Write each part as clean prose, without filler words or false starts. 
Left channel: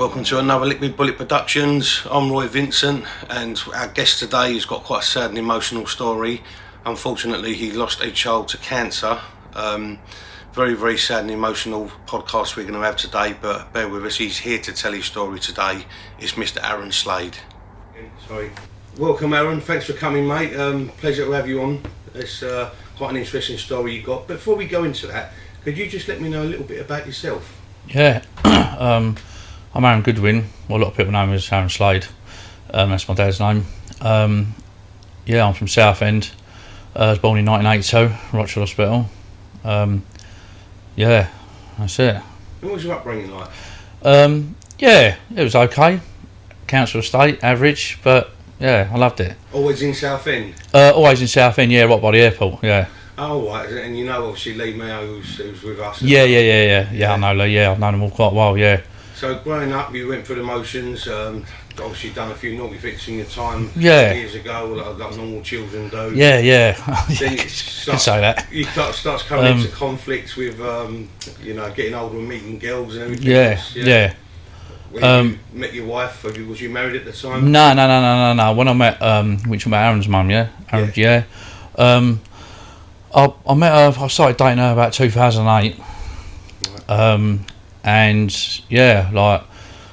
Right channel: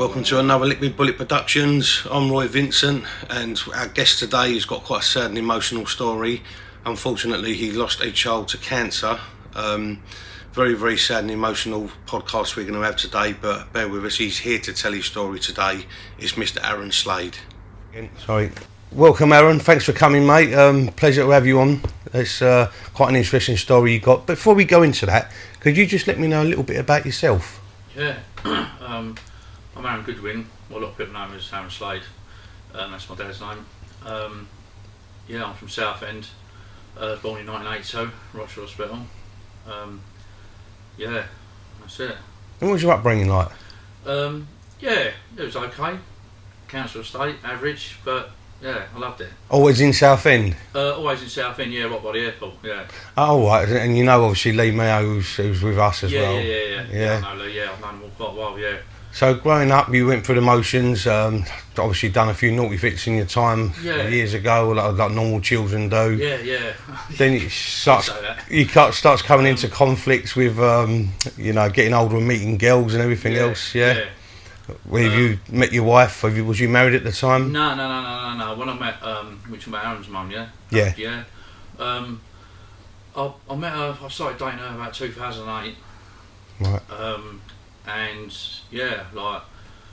Welcome to another Liquid Bullet Productions. I'm Roy Vincent, and our guest today has got quite a sad and emotional story. Unfortunately, he lost a child to cancer. Very, very sad and emotional podcast we're going to have today, but bear with us. He's here to tell his story today. It's Mr. Arron Slade. Sorry. Welcome, Arron. Thanks for coming, mate. Pleasure to have you on. It's quite an interesting story you got. Before we go into that, could you just let me know a little bit about yourself? Yeah. I'm Aaron Goodwin. Well, a lot of people know me as Arron Slade. That's my dad's name. Yeah, I'm from Southend. I was born in 1982, Rochester Hospital. Yeah, that's it. And what was your upbringing like? Yeah, it was okay. Council estate, average, but yeah, I loved it. Always in Southend? Always in Southend, yeah, right by the airport, yeah. Oh, right, and you know obviously Lee Mayo who's with us as well. Yeah, I know Lee, yeah, I've known them all quite well, yeah. So growing up, you went through the motions, obviously done a few naughty bits in your time years ago, like normal children do. Yeah. Then you start, say that. You starts coming into conflicts with, getting older and meeting girls and everything else. Yeah. When you met your wife, was you married at the time? No. When I met, which was Aaron's mum, yeah? Aaron's, yeah. I met her, I started dating her about 2008. Right. And yeah, like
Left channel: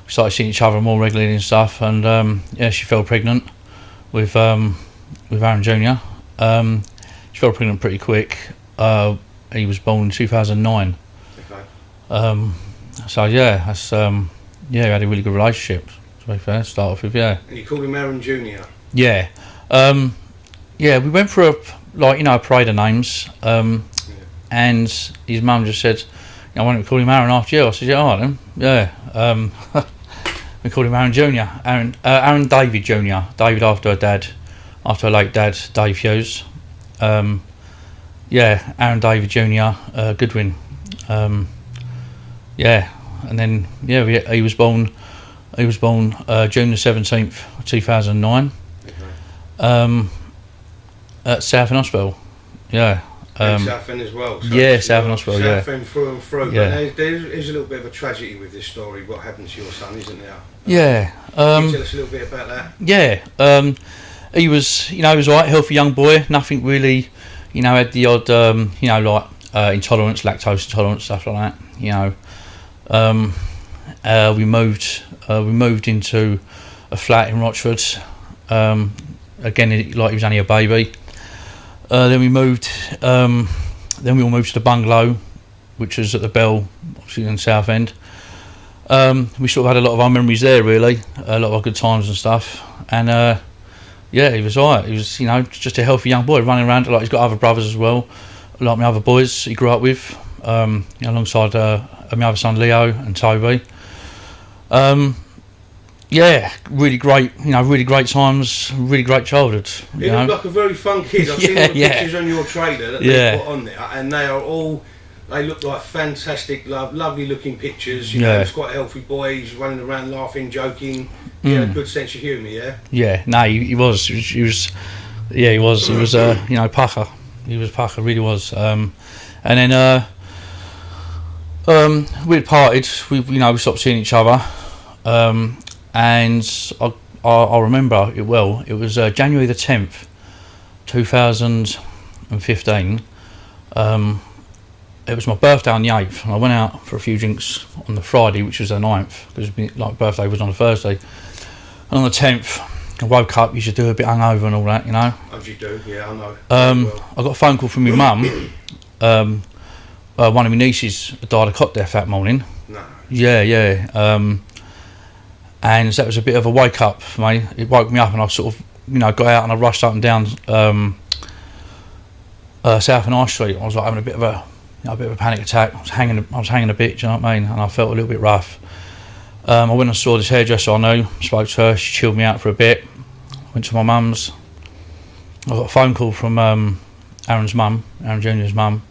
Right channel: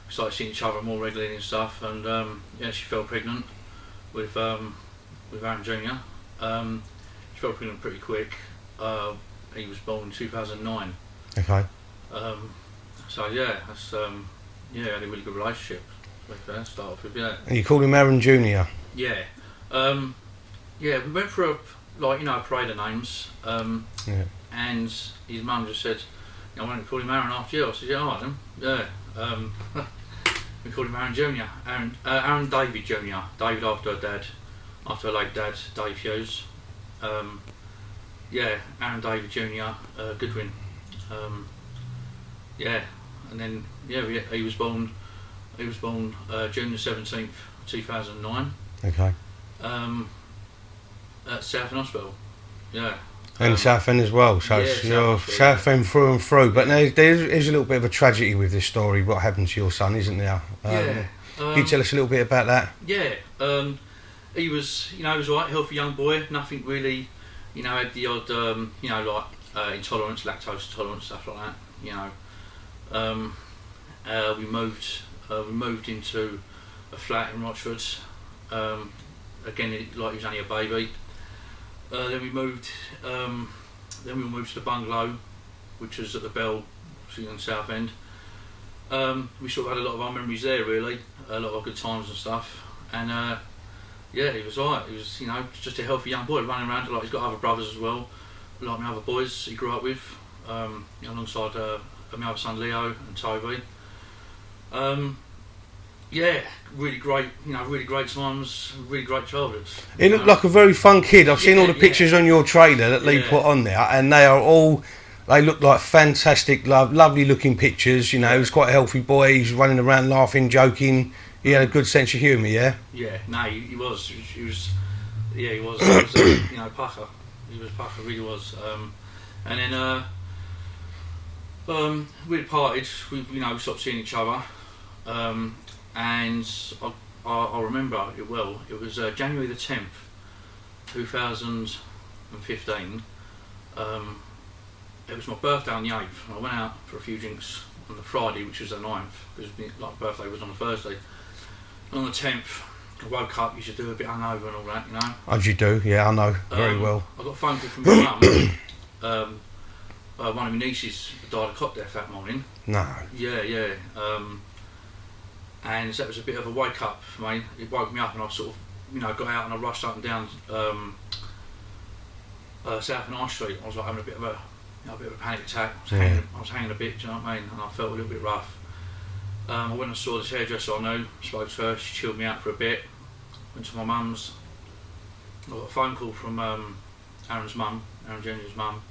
we started seeing each other more regularly and stuff, and yeah, she fell pregnant with Aaron Jr. She fell pregnant pretty quick. He was born in 2009. Okay. So yeah, that's we had a really good relationship, to be fair, start off with, yeah. And you called him Aaron Jr.? Yeah. Yeah, we went through a parade of names, and his mum just said, I wanted to call him Aaron after you. I said, yeah, alright then. Yeah. We called him Aaron Jr. Aaron David Jr. David after her late dad, Dave Hughes. Yeah, Aaron David Jr. Goodwin. Yeah, and then he was born June the 17th, 2009. Okay. At Southend Hospital. Yeah. And Southend as well. So yeah, Southend Hospital. Southend through and through. But there's a little bit of a tragedy with this story. What happened to your son, isn't there? Yeah. Can you tell us a little bit about that? Yeah. He was, he was alright, healthy young boy. Nothing really, had the odd, intolerance, lactose intolerance, stuff like that. We moved into a flat in Rochford. Again, he was only a baby. Then we moved. Then we all moved to the bungalow, which was at the Bell, obviously in Southend. We sort of had a lot of our memories there, really, a lot of our good times and stuff. And he was alright. He was, just a healthy young boy running around. Like he's got other brothers as well, like my other boys he grew up with, alongside my other son Leo and Toby. Yeah, really great, really great times, really great childhood. He looked like a very fun kid. I've seen all the pictures on your trailer that they put on there, and they look like fantastic, lovely looking pictures. He was quite a healthy boy. He's running around laughing, joking. He had a good sense of humour, yeah? Yeah, no, he was. He was, pucker. He was pucker, really was. And then we'd parted, we stopped seeing each other. And I remember it well. It was January the 10th, 2015. It was my birthday on the 8th, and I went out for a few drinks on the Friday, which was the 9th, because birthday was on a Thursday. And on the 10th, I woke up. You should do a bit hungover and all that, As you do, yeah, I know. Very well. I got a phone call from my mum. One of my nieces died of cot death that morning. No. Yeah. And that was a bit of a wake up for me. It woke me up, and I sort of, got out and I rushed up and down South and High Street. I was like having a bit of a panic attack. I was hanging a bit. Do you know what I mean? And I felt a little bit rough. I went and saw this hairdresser I knew. Spoke to her. She chilled me out for a bit. Went to my mum's. I got a phone call from Aaron's mum, Aaron Jr.'s mum,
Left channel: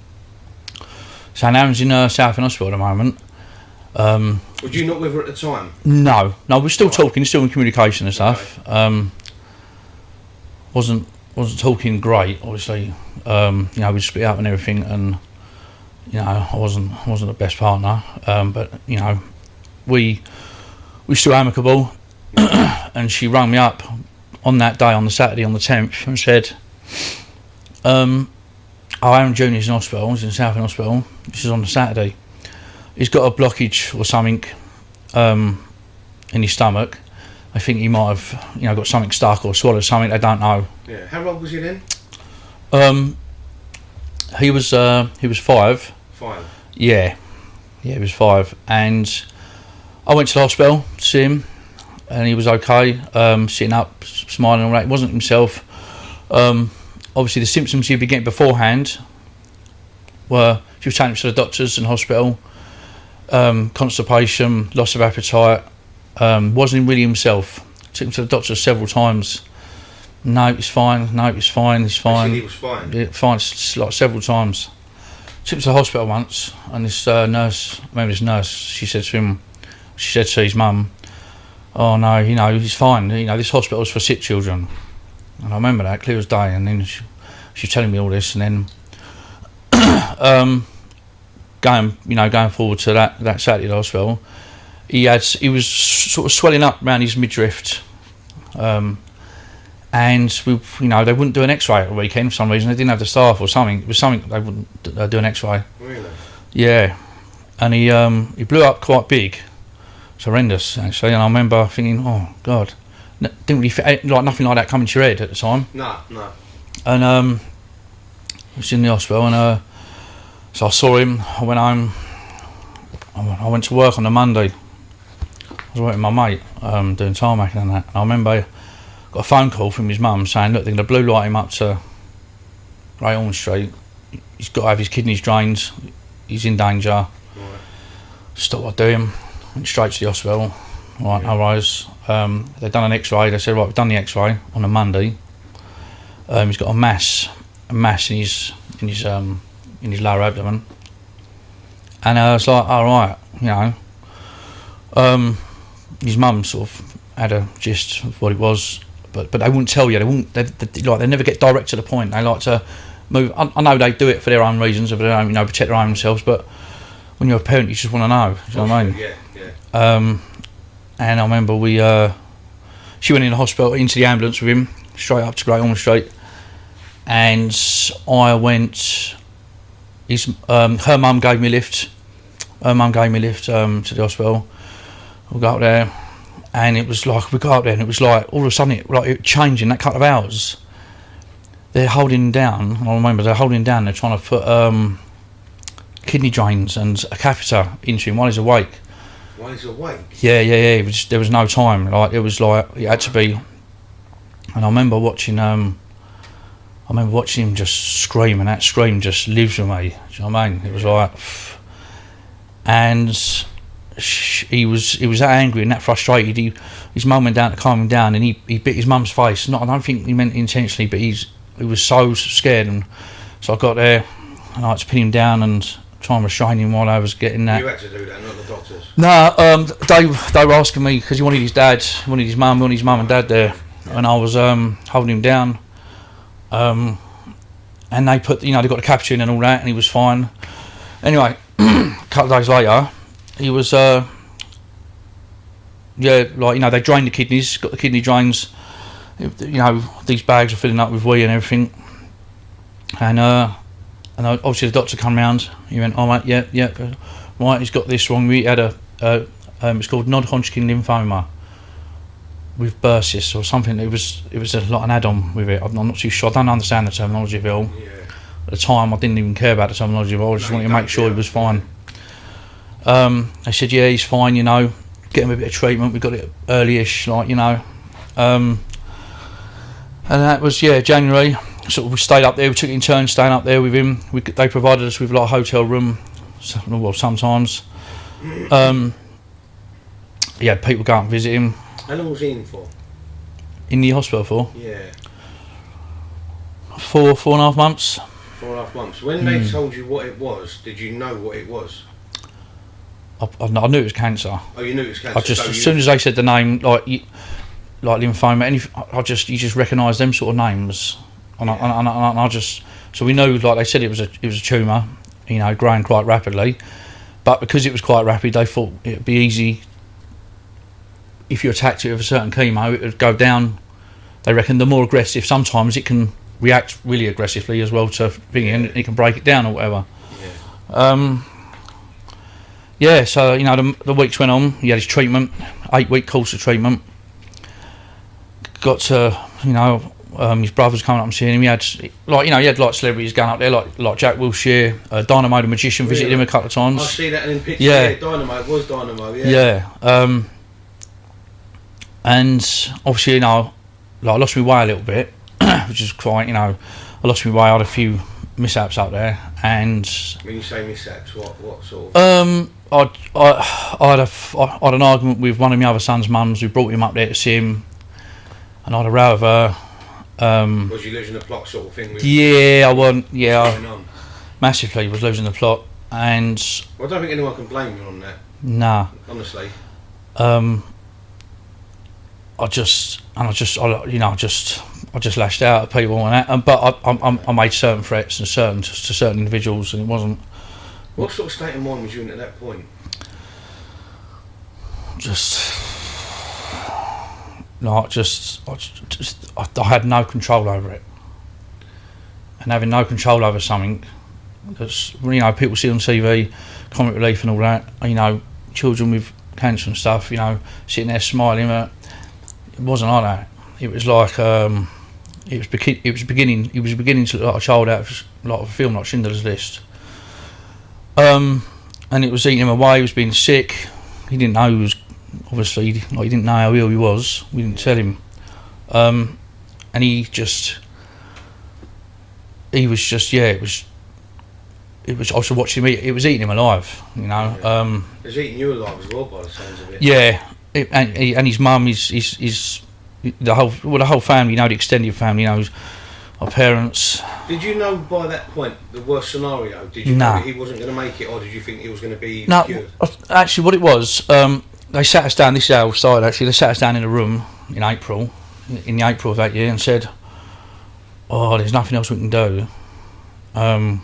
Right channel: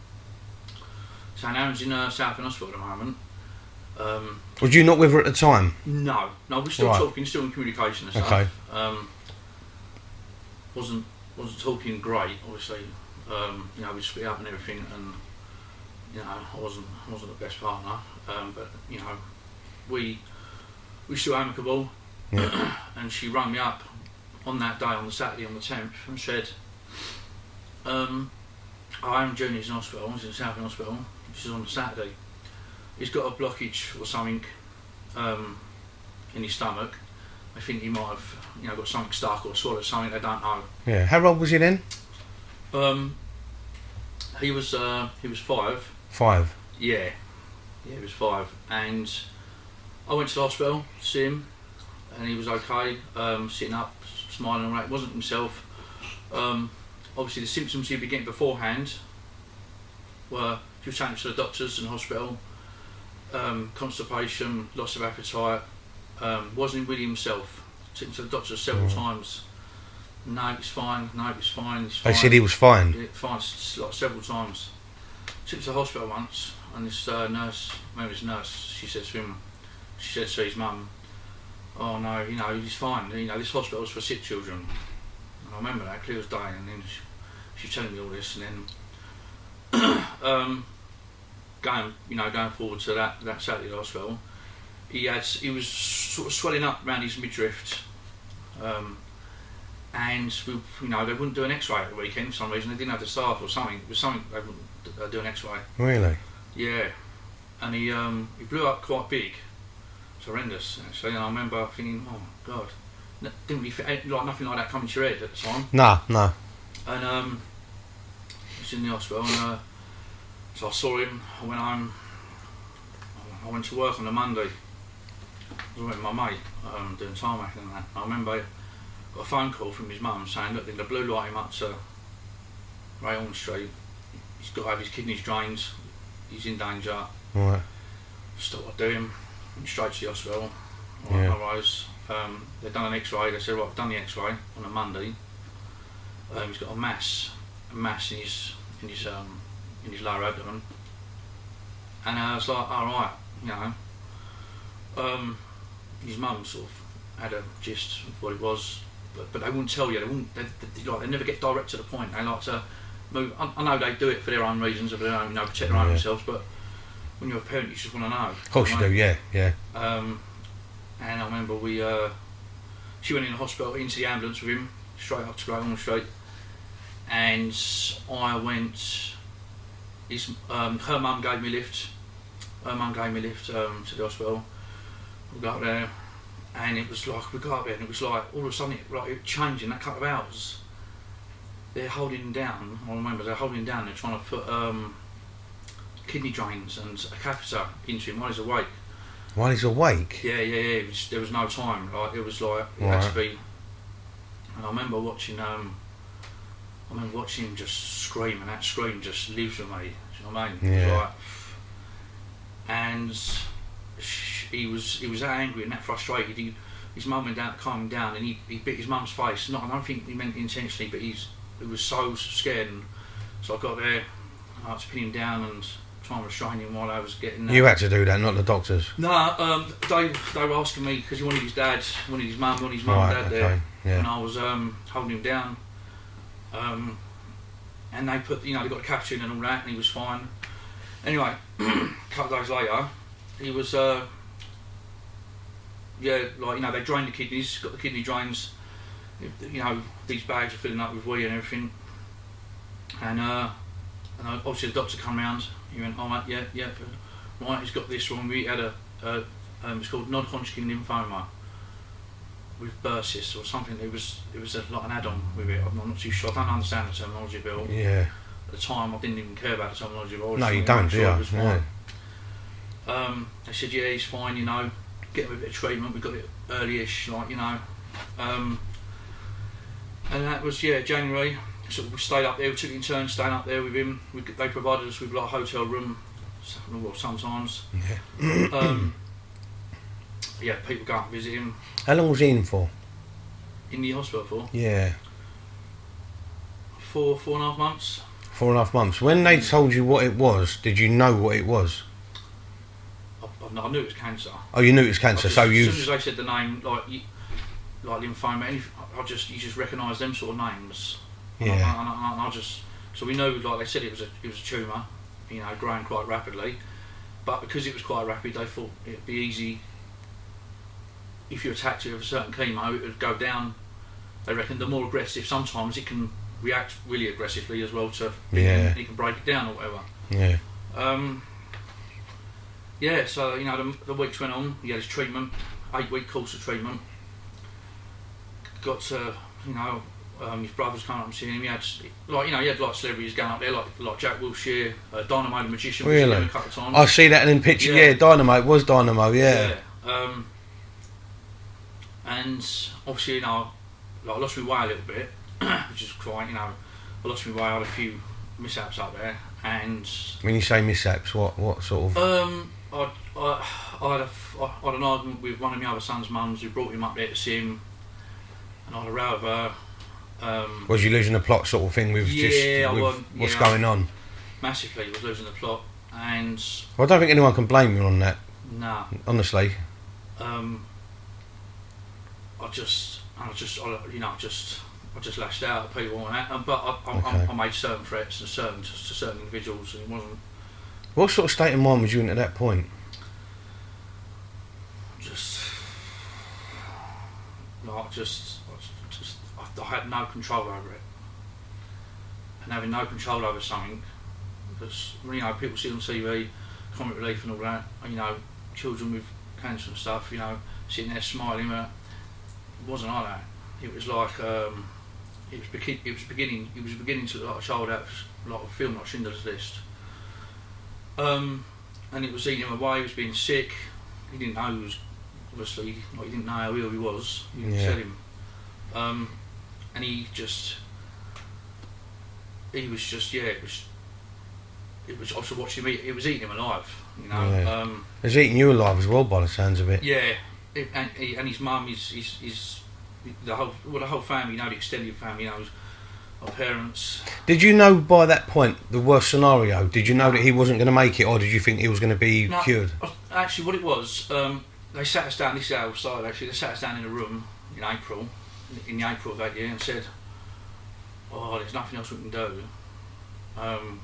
saying Aaron's in Southend Hospital at the moment. Was you not with her at the time? No, we're still talking, still in communication and stuff. Okay. Wasn't talking great, obviously. We split up and everything, and I wasn't the best partner. But we we're still amicable. Yeah. And she rang me up on that day, on the Saturday, on the 10th, and said, Aaron Junior's in hospital. He's in Southend Hospital. This is on the Saturday. He's got a blockage or something in his stomach. I think he might have, got something stuck or swallowed something. They don't know. Yeah. How old was he then? He was 5. 5. Yeah, he was 5, and I went to the hospital to see him, and he was okay, sitting up, smiling and all that. He wasn't himself. Obviously, the symptoms he'd been getting beforehand were, she was taking him to the doctors and hospital, constipation, loss of appetite, wasn't really himself. Took him to the doctors several times. No, he's fine. No, he's fine. He's fine. They said he was fine. Yeah, fine, like several times. Took him to the hospital once, and this nurse, she said to his mum, "Oh no, he's fine. This hospital's for sick children." And I remember that clear as day. And then she was telling me all this, and then going forward to that Saturday at the hospital, he was sort of swelling up around his midriff. And they wouldn't do an X-ray at the weekend for some reason. They didn't have the staff or something. It was something they wouldn't do an X-ray. Really? Yeah, and he blew up quite big. It's horrendous actually. And I remember thinking, oh God, didn't really fit, like nothing like that coming to your head at the time. No. And I was in the hospital, and so I saw him. I went home. I went to work on a Monday. I was working with my mate, doing tarmacking and that. And I remember, got a phone call from his mum saying, look, they're going to blue light him up to Great Ormond Street. He's got to have his kidneys drained. He's in danger. Right. Stopped what I'm doing. Went straight to the hospital. Right, no worries. They'd done an X-ray. They said, right, we've done the X-ray on a Monday. He's got a mass in his lower abdomen. And I was like, all right, his mum sort of had a gist of what it was. But they wouldn't tell you. They never get direct to the point. They like to move. I know they do it for their own reasons, of their own, protect their own themselves. But when you're a parent, you just want to know. Of course you do, yeah. And I remember she went in the hospital, into the ambulance with him, straight up to Great Ormond Street, and I went. Her mum gave me a lift. To the hospital. We got up there. And it was like, we got up there and it was like, all of a sudden, it changed in that couple of hours. They're holding him down, I remember they're holding him down, they're trying to put kidney drains and a catheter into him while he's awake. While he's awake? Yeah, there was no time, it was like, it had to be. And I remember watching him just scream, and that scream just lives with me, do you know what I mean? It was like, and he was that angry and that frustrated. His mum went down to calm him down, and he bit his mum's face. I don't think he meant it intentionally, but he was so scared. And so I got there and I had to pin him down and try and restrain him while I was getting that. You had to do that, not the doctors? No, they were asking me because he wanted his dad, wanted his mum and dad there, and I was holding him down. And they put, they got the catheter in and all that, and he was fine. Anyway, a couple of days later, he was, they drained the kidneys, got the kidney drains, these bags are filling up with wee and everything. And obviously the doctor come round, he went, all right, yeah, right, he's got this wrong. We had it's called non-Hodgkin lymphoma with bursis or something. It was like an add-on with it. I'm not too sure, I don't understand the terminology of it all. Yeah. At the time, I didn't even care about the terminology of it all, I just wanted to make sure he was fine. They said, yeah, he's fine, get him a bit of treatment, we got it early-ish, and that was, January. So we stayed up there, we took it in turns staying up there with him. They provided us with a hotel room, sometimes. He had people go out and visit him. How long was he in for? In the hospital for? Yeah. 4.5 months. 4.5 months. When they told you what it was, did you know what it was? I knew it was cancer. Oh, you knew it was cancer. As soon as they said the name, like lymphoma, you just recognise them sort of names, and I just, so we knew, like they said, it was a tumour, growing quite rapidly, but because it was quite rapid, they thought it'd be easy if you attacked it with a certain chemo, it would go down. They reckon the more aggressive, sometimes it can react really aggressively as well to being and it can break it down or whatever. Yeah. So you know the weeks went on. He had his treatment, 8-week course of treatment. Got to his brother's coming up and seeing him. He had celebrities going up there like Jack Wilshere, Dynamo the Magician visited him a couple of times. I see that in pictures. Yeah, Dynamo, it was Dynamo. Yeah. Yeah. And obviously I lost my way a little bit, which is quite I lost my way. I had a few mishaps up there, and when you say mishaps, what sort of? I had an argument with one of my other son's mums who brought him up there to see him, and I had a row with her. Was you losing the plot sort of thing? What's going on? Massively was losing the plot, and I don't think anyone can blame you on that. Nah. Honestly. I just lashed out at people and that, but I made certain threats to certain individuals, and it wasn't. What sort of state of mind was you in at that point? I had no control over it, and having no control over something that's people see on TV, comic relief and all that. Children with cancer and stuff. Sitting there smiling. It wasn't like that. It was like it was beginning to look like a child out of a film like Schindler's List. And it was eating him away. He was being sick. He didn't know he was obviously he didn't know how ill he was. We didn't tell him. And it was also watching me. It was eating him alive. It was eating you alive as well, by the sounds of it. Yeah. And his mum, the whole family, the extended family, our parents. Did you know by that point the worst scenario? Did you know that he wasn't going to make it, or did you think he was going to be cured? Actually, what it was, they sat us down. This is outside. Actually, they sat us down in a room in April of that year, and said, "Oh, there's nothing else we can do." Had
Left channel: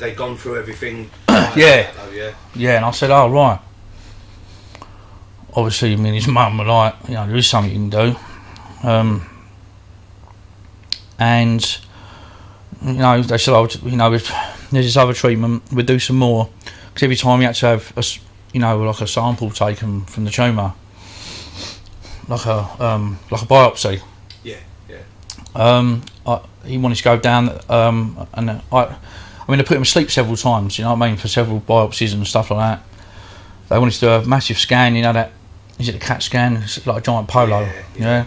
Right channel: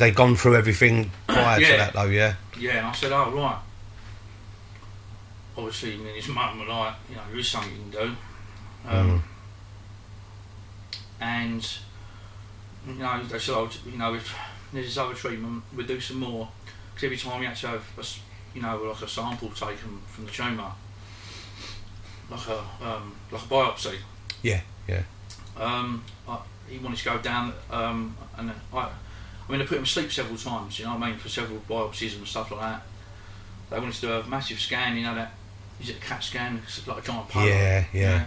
they gone through everything? Yeah. Though, yeah. Yeah, and I said, "Oh, right." Obviously, me and his mum were like, there is something you can do. And they said, there's this other treatment. We'll do some more, because every time you had to have a sample taken from the tumour, like a biopsy. Yeah. He wanted to go down, and they put him to sleep several times. For several biopsies and stuff like that. They wanted to do a massive scan. That. Is it a CAT scan? It's like a giant polo. Yeah.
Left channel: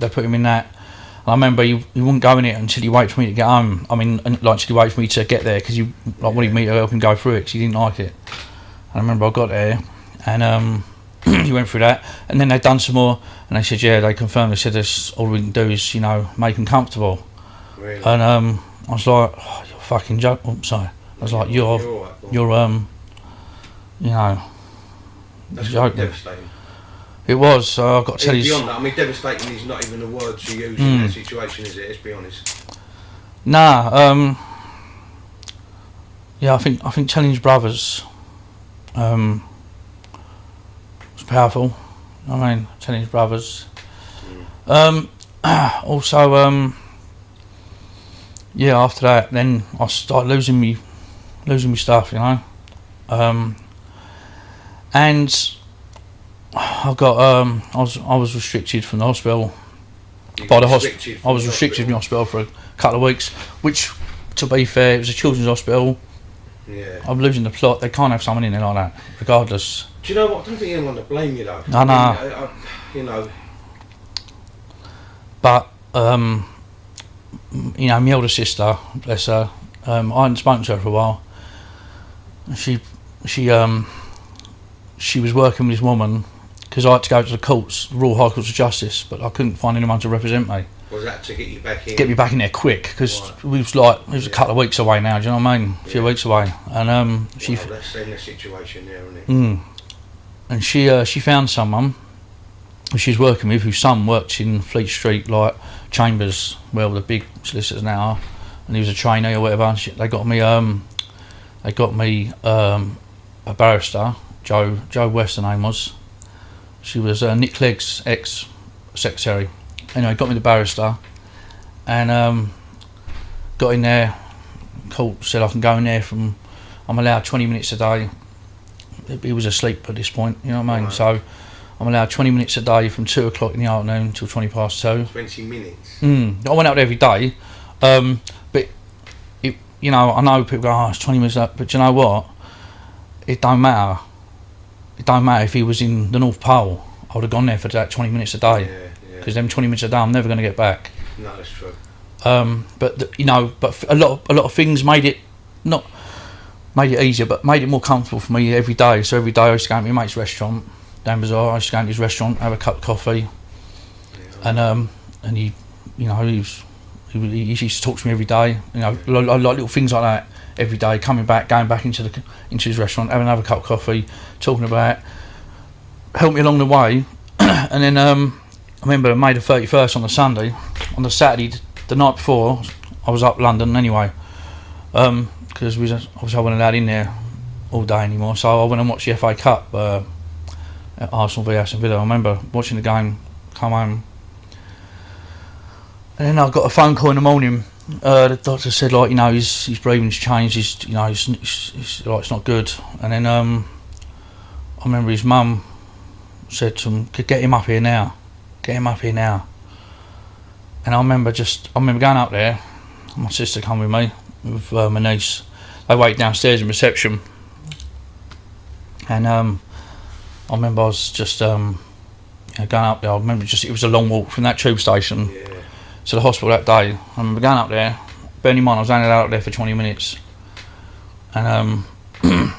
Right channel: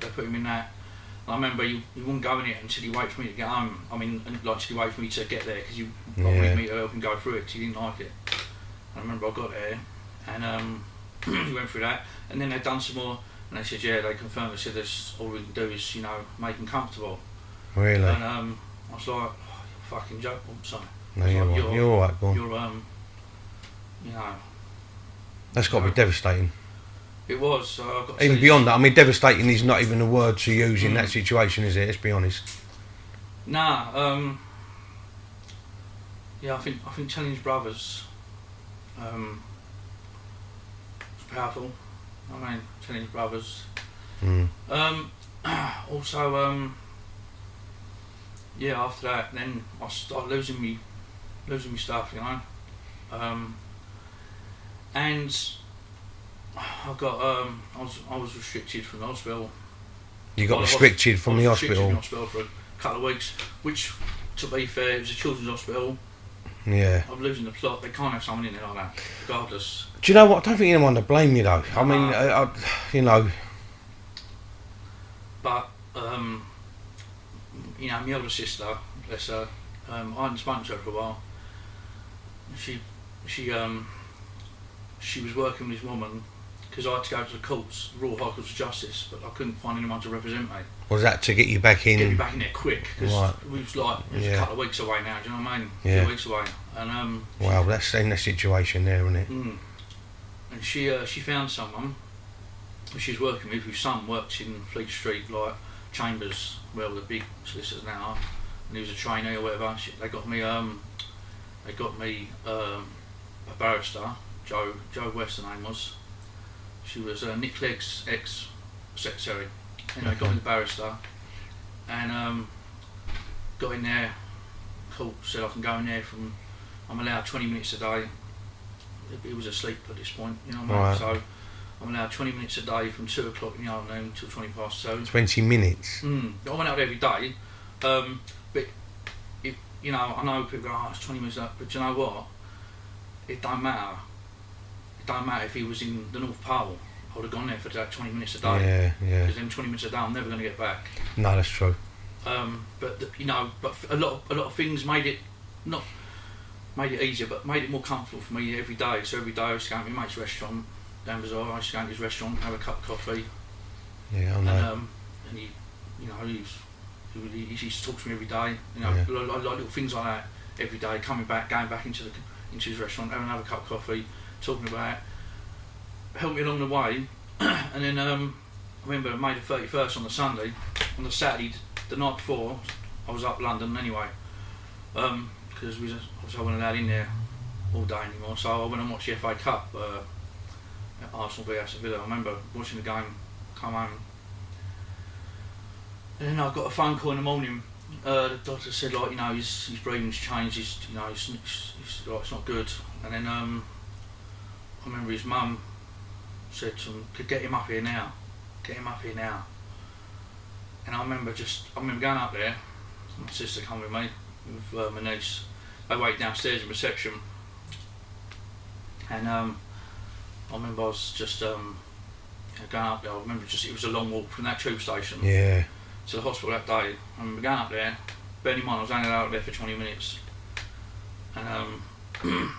They put him in that. And I remember he wouldn't go in it until he waited for me to get home. Until he waited for me to get there, because he wanted me to help him go through it, because he didn't like it. And I remember I got there, and he went through that, and then they'd done some more, and they said, they confirmed. They said, all we can do is, make him comfortable. Really? And I was like, oh, you're a fucking joke. Oh, sorry. I was like, you're That's got to be devastating. It was. I've got to tell you. Beyond that, devastating is not even a word to use in that situation, is it? Let's be honest. Nah. I think telling his brothers was powerful. Telling his brothers. Also, after that, then I started losing me stuff, and I got I was restricted from the hospital. I was restricted from the hospital for a couple of weeks, which, to be fair, it was a children's hospital. Yeah. I'm losing the plot. They can't have someone in there like that, regardless. Do you know what? I don't think anyone to blame you though. No. But my older sister, bless her, I hadn't spoken to her for a while. She was working with this woman, because I had to go to the courts, the Royal High Courts of Justice, but I couldn't find anyone to represent me. Was that to get you back in? Get me back in there quick, because it was a couple of weeks away now. Do you know what I mean? A few weeks away, and that's in the situation there, isn't it? And she found someone who she's working with, whose son worked in Fleet Street, like Chambers, where all the big solicitors now are, and he was a trainee or whatever. And they got me a barrister, Joe West, the name was. She was Nick Clegg's ex-secretary. Anyway, got me the barrister, and got in there. Court said I can go in there I'm allowed 20 minutes a day. He was asleep at this point, you know what I mean? Right. So I'm allowed 20 minutes a day from 2 o'clock in the afternoon until 20 past 2. 20 minutes. I went out there every day, but you know, I know people go, oh, it's 20 minutes up, but you know what? It don't matter. It don't matter if he was in the North Pole. I would have gone there for that 20 minutes a day. Yeah. Because them 20 minutes a day, I'm never going to get back. No, that's true. But you know, but a lot of things made it easier, but made it more comfortable for me every day. So every day I used to go to my mate's restaurant, Dan Bazaar. I used to go to his restaurant, have a cup of coffee, and he, you know, he used to talk to me every day. You know, like little things like that every day. Coming back, going back into his restaurant, having another cup of coffee, talking about it, helped me along the way. And then I remember May the 31st on the Sunday, on the Saturday, the night before, I was up London anyway, because obviously I wasn't allowed in there all day anymore. So I went and watched the FA Cup at Arsenal v Aston Villa. I remember watching the game, come home, and then I got a phone call in the morning. The doctor said, like, you know, his breathing's changed. He's like, it's not good. And then I remember his mum said to him, "Get him up here now. Get him up here now." And I remember going up there. My sister come with me, with my niece. They waited downstairs in reception. And I remember I was just going up there. I remember it was a long walk from that tube station to the hospital that day. I remember going up there. Bearing in mind I was only allowed up there for 20 minutes. And I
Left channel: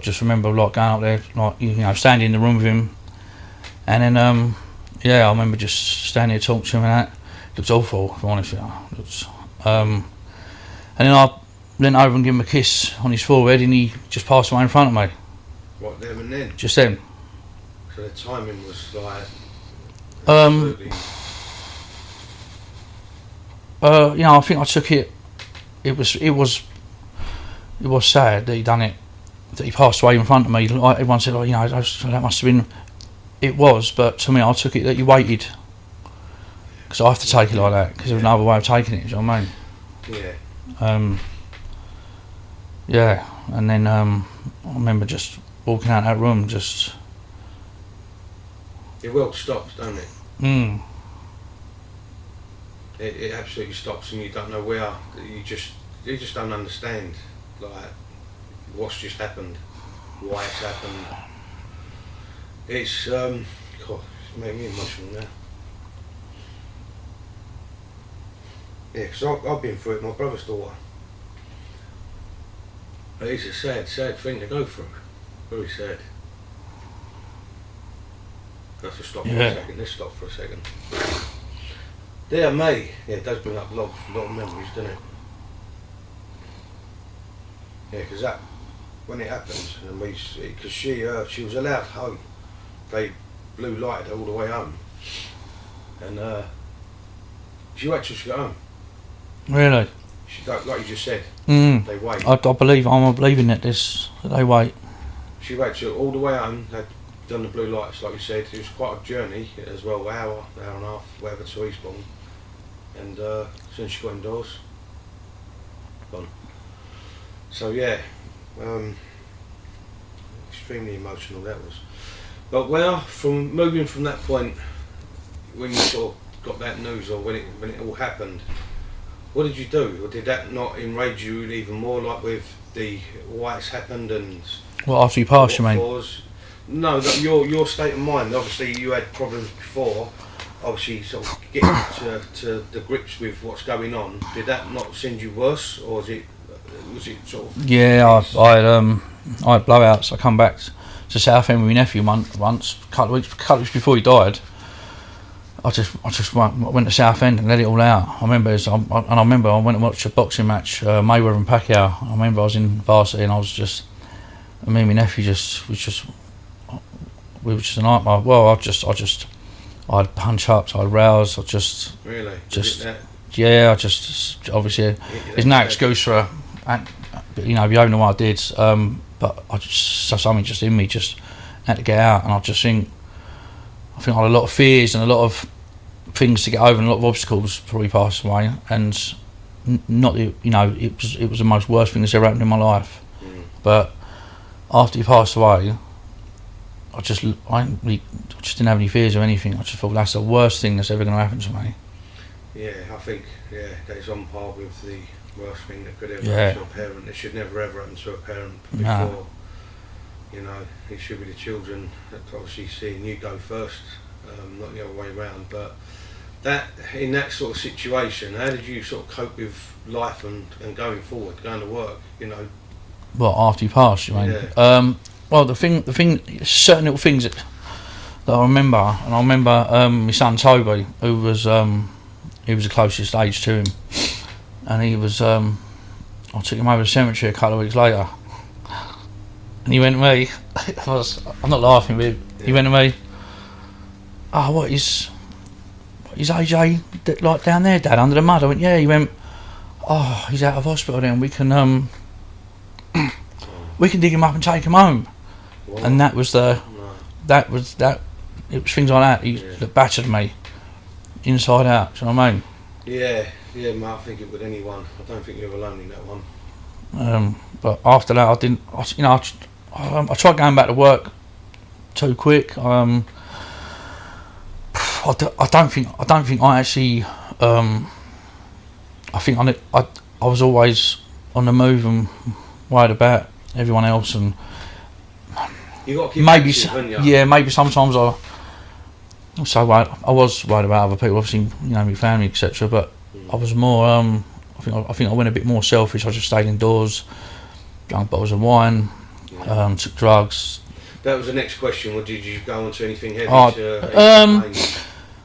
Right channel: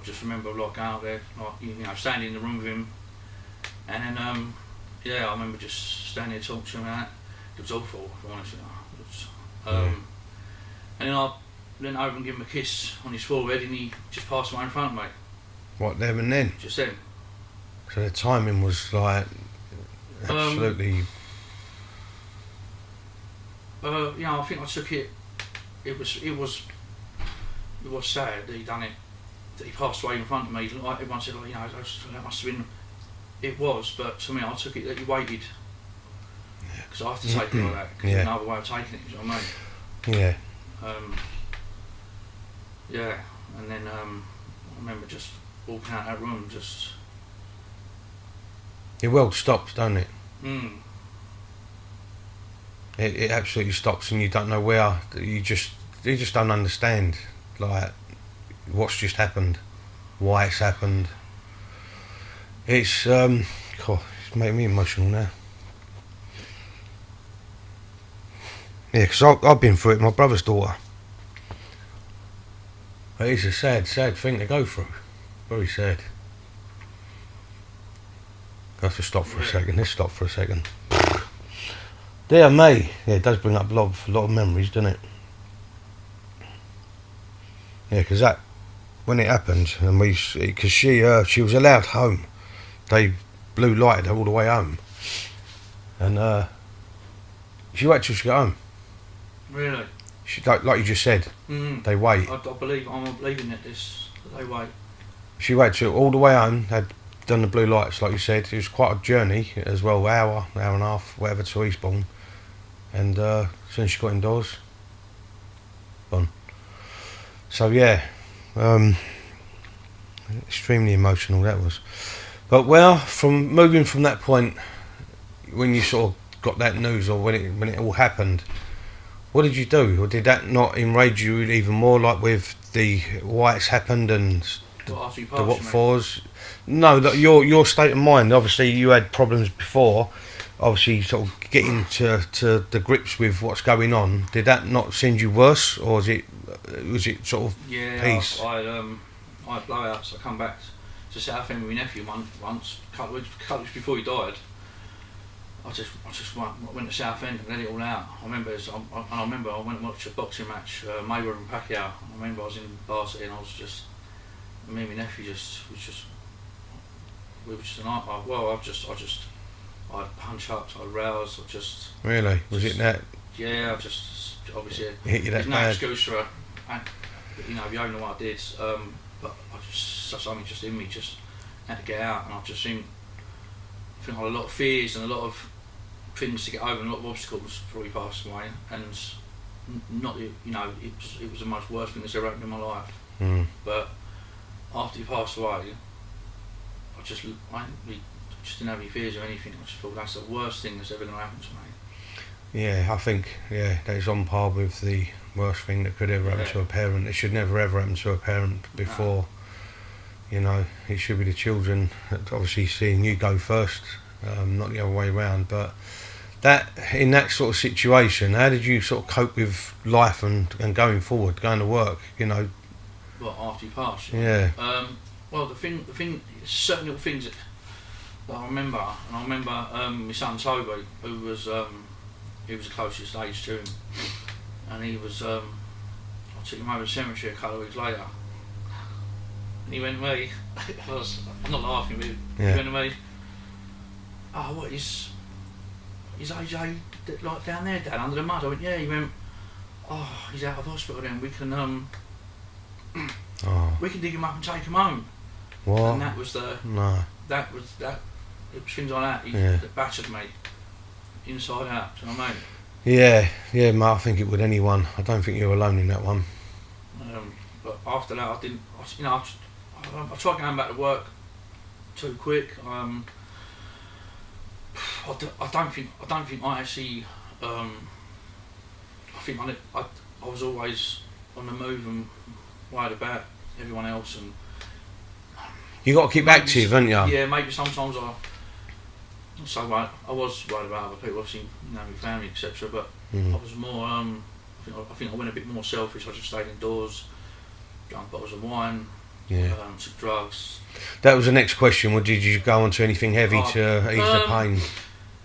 just remember like going up there, like, you know, standing in the room with him. And then I remember just standing there talking to him and that. It was awful, if I'm honest with you. And then I leant over and gave him a kiss on his forehead, and he just passed away in front of me. What, them and then? Just then. So the timing was like absolutely. You know, I think I took it. It was sad that he done it. That he passed away in front of me. Like everyone said, oh, you know, that must have been. It was, but to me, I took it that you waited. Because I have to take it like that, because there's no other way of taking it, do you know what I mean? Yeah. And then I remember just walking out of that room, just... Your world stops, don't it? Mm. It absolutely stops, and you don't know where. You just don't understand, like, what's just happened, why it's happened. It's making me emotional now. Yeah, because I've been through it. My brother's daughter. But it's a sad thing to go through. Very sad. I have to stop for a second. Let's stop for a second. Dear me. Yeah, it does bring up a lot of memories, doesn't it? Yeah, because when it happened, and because she was allowed home, they blue lighted her all the way home, and she waited till she got home. Really? She, like you just said, they wait. I'm believing that they wait. She waited till all the way home. They'd done the blue lights, like you said. It was quite a journey as well, hour and a half, whatever, to Eastbourne. And as soon as she got indoors, gone. So yeah, extremely emotional that was. But well, moving from that point, when you sort of got that news, or when it all happened, what did you do? Or did that not enrage you even more, like with the why it's happened and what, after you passed, you mean? No, your state of mind. Obviously, you had problems before. Obviously, sort of getting to the grips with what's going on. Did that not send you worse, or was it sort of? Yeah, I had blowouts. I come back to Southend with my nephew once, a couple of weeks before he died. I just went to Southend and let it all out. I remember I went and watched a boxing match, Mayweather and Pacquiao. I remember I was in varsity and me and my nephew we were just a nightmare. Well, I'd punch ups, I'd rouse, Really? Just, was it that? Yeah, I just obviously there's no excuse for you know, if you don't know what I did, but something just in me just had to get out, and I think I had a lot of fears and a lot of things to get over and a lot of obstacles before he passed away, and not, you know, it was the most worst thing that's ever happened in my life. But after he passed away, I just didn't have any fears or anything. I just thought that's the worst thing that's ever going to happen to me. Yeah, I think that is on par with the worst thing that could ever happen to a parent. It should never ever happen to a parent before. No. You know, it should be the children that obviously seeing you go first, not the other way around. But that, in that sort of situation, how did you sort of cope with life and going forward, going to work? You know, well, after you passed, you mean? Yeah. Well, the thing, certain little things that I remember, and I remember my son Toby, who was he was the closest age to him, and he was I took him over to the cemetery a couple of weeks later, and he went to me, I'm not laughing, but he went to me, oh, what is AJ like down there, Dad, under the mud? I went, yeah. He went, oh, he's out of hospital then, we can we can dig him up and take him home. What? And that was it was things like that that battered me inside out. Do you know what I mean? Yeah, mate, I think it would anyone. I don't think you're alone in that one. But after that, I didn't. I tried going back to work too quick. I don't think I actually. I think I was always on the move and worried about everyone else, and you got to keep active, haven't you? Yeah, maybe sometimes I'm so worried. I was worried about other people, obviously, you know, my family, etc. But I was more. I think I went a bit more selfish. I just stayed indoors, drank bottles of wine, took drugs. That was the next question. What did you go on to anything heavy to ease the pain?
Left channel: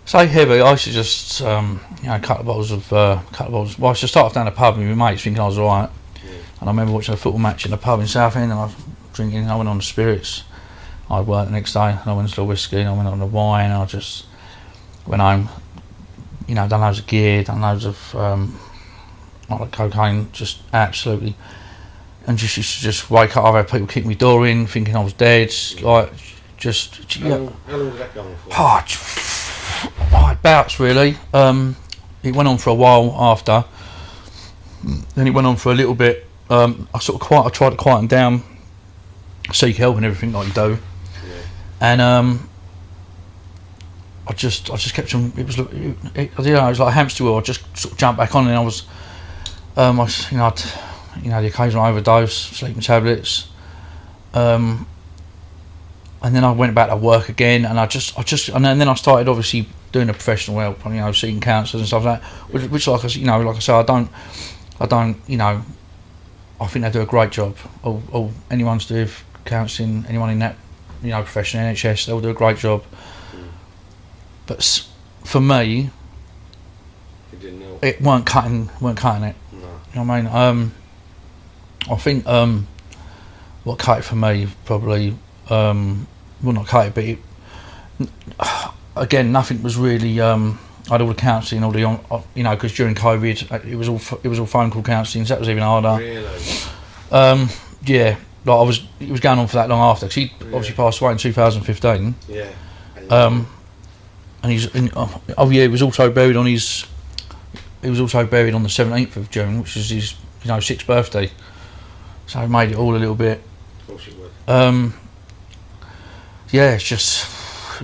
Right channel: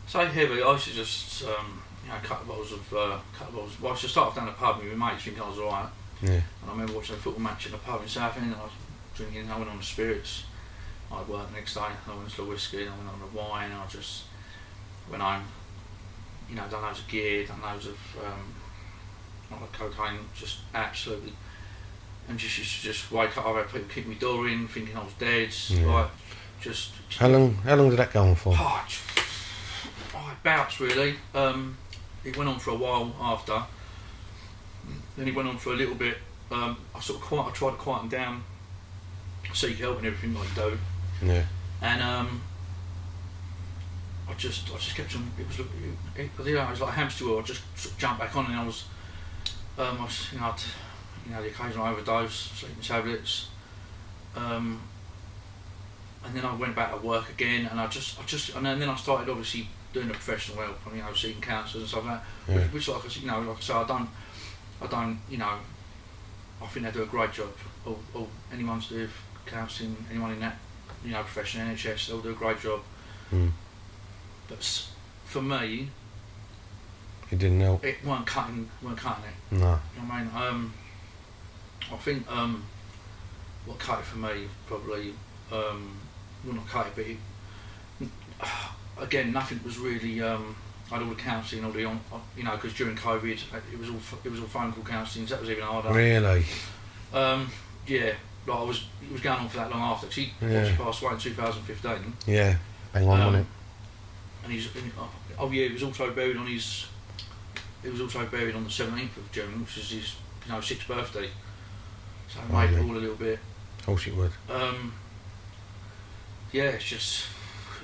Say heavy. I used to just a couple of bottles of. Well, I used to start off down the pub with my mates, thinking I was alright. Yeah. And I remember watching a football match in the pub in Southend, and I was drinking. I went on the spirits. I'd work the next day, and I went to the whiskey, and I went on the wine, and I just went home, you know, done loads of gear, done loads of like cocaine, just absolutely, and just used to just wake up, I've had people kick my door in, thinking I was dead, like, just... How long did that go on for? I had bouts, really. It went on for a while after, then it went on for a little bit. I tried to quieten down, seek help and everything like you do. Yeah. And I just kept on. It was like a hamster wheel. I just sort of jumped back on, and I was the occasional overdose, sleeping tablets, and then I went back to work again, and then I started obviously doing the professional help, you know, seeing counsellors and stuff like that, which like I say, I don't, you know, I think they do a great job. Or anyone's to do with counselling, anyone in that, you know, profession, NHS, they'll do a great job. But for me, it didn't help. It weren't cutting it. No. You know what I mean? I think what cut it for me probably, well, not cut it, but again, nothing was really. I had all the counselling, all the, you know, because during COVID, it was all phone call counselling, so that was even harder. Really? Yeah. Like it was going on for that long after, because he obviously passed away in 2015. Yeah. And he was also buried on his. He was also buried on the 17th of June, which is his, you know, 6th birthday. So it made it all a little bit. Of course it would. Yeah, it was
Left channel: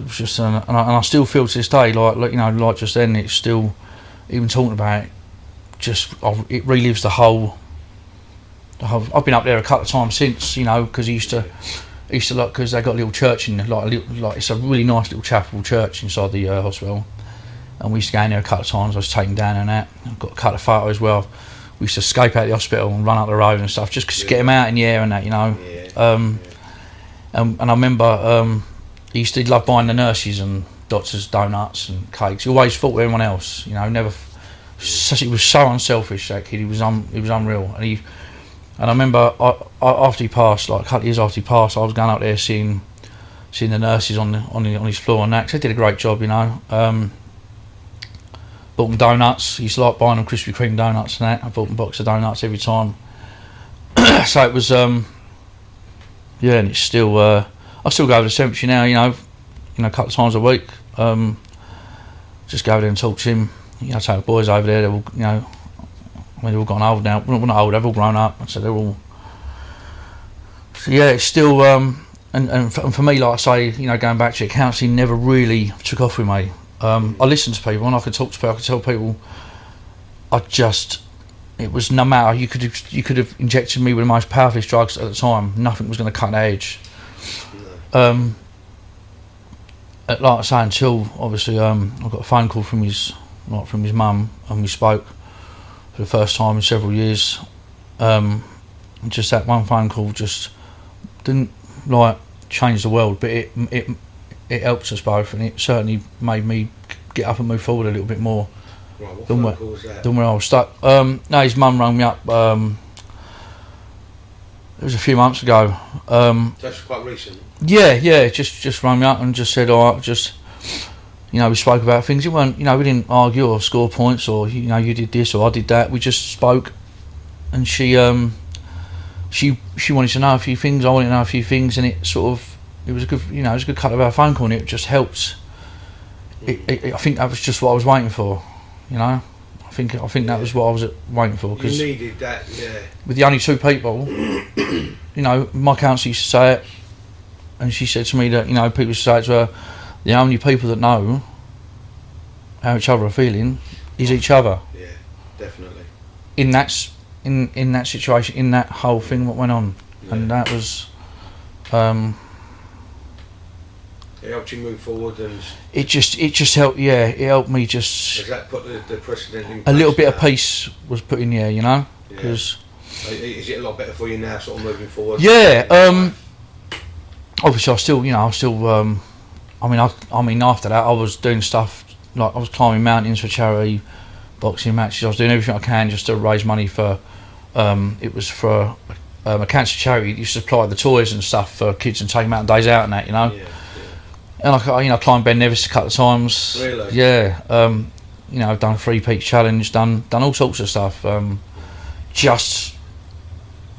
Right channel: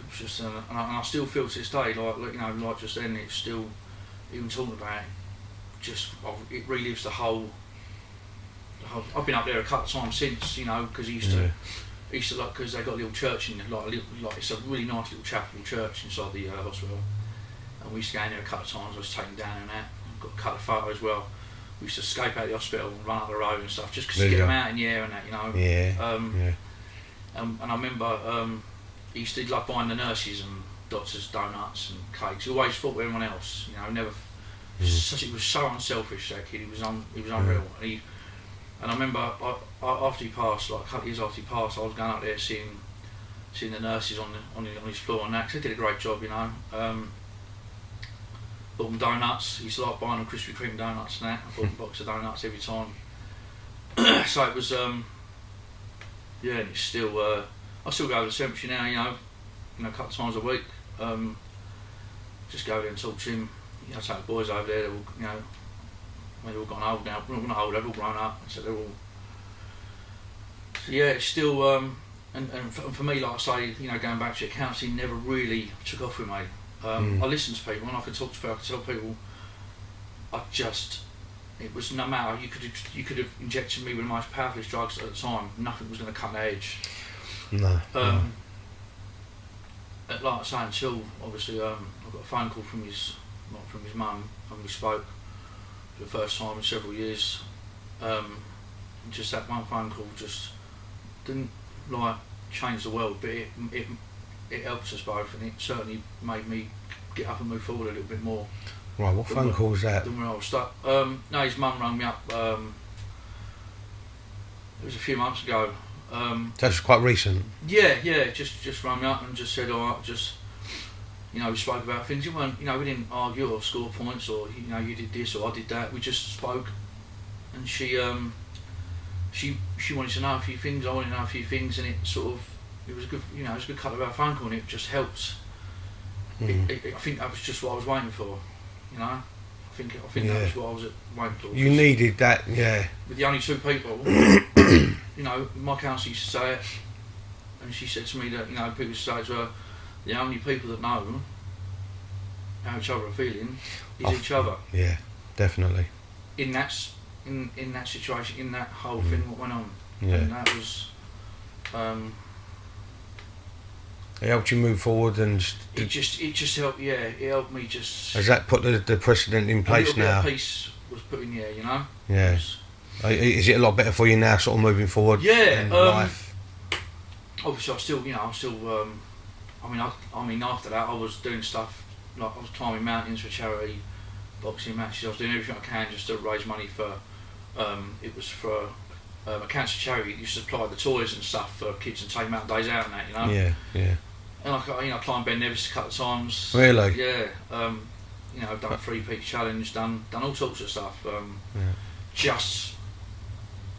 just, and I still feel to this day, like you know, like just then, it's still, even talking about it, it relives the whole. I've been up there a couple of times since, you know, because he used to like, because they got a little church in like it's a really nice little chapel church inside the hospital, and we used to go in there a couple of times. I was taken down and that. I've got a couple of photos as well. We used to escape out of the hospital and run up the road and stuff, just to get him out in the air and that, you know. And I remember he used to love buying the nurses and doctors donuts and cakes. He always thought of everyone else, you know. Never. He was so unselfish, that kid. He was unreal. And I remember after he passed, like a couple of years after he passed, I was going out there seeing the nurses on his floor and that, 'cause they did a great job, you know. Bought them donuts. He used to like buying them Krispy Kreme donuts and that. I bought them a box of donuts every time. So it was, and it's still. I still go over to cemetery now, you know, a couple of times a week. Just go over there and talk to him. You know, take the boys over there. They're all, you know, I mean, they've all gotten old now. Well, not old, they've all grown up, so they're all. So yeah, it's still. And for me, like I say, you know, going back to it, counselling never really took off with me. I listened to people, and I could talk to people. I could tell people. It was no matter. You could have injected me with the most powerful drugs at the time. Nothing was going to cut the edge. No. Like I say, until obviously I got a phone call from his mum, and we spoke for the first time in several years. Just that one phone call just didn't like change the world, but it helped us both, and it certainly made me get up and move forward a little bit more. Right, what phone call was that? Than where I was stuck. No, his mum rang me up. It was a few months ago. That's quite recent. Yeah, just rang me up and just said, "Oh, just, you know, we spoke about things. It weren't, you know, we didn't argue or score points or, you know, you did this or I did that. We just spoke, and she wanted to know a few things. I wanted to know a few things, and it was a good, you know, it was a good cut of our phone call, and it just helped. I think that was just what I was waiting for, you know. I think that was what I was waiting for. You needed that, yeah. With the only two people, you know, my counsellor used to say it, and she said to me that, you know, people used to say it to her, the only people that know how each other are feeling is each other. Yeah, definitely. In that situation, in that whole thing, what went on, and that was. It helped you move forward, and it just helped. Yeah, it helped me just. Has that put the precedent in place? A little bit now? Of peace was put in there, you know. Yeah. Is it a lot better for you now, sort of moving forward? Yeah. Obviously, I mean, after that, I was doing stuff like I was climbing mountains for charity, boxing matches. I was doing everything I can just to raise money for. It was for a cancer charity. You supply the toys and stuff for kids and take them out on days out and that, you know. Yeah. And I climbed Ben Nevis a couple of times. Really? Yeah. You know, I've done a 3 peak challenge, done all sorts of stuff. Just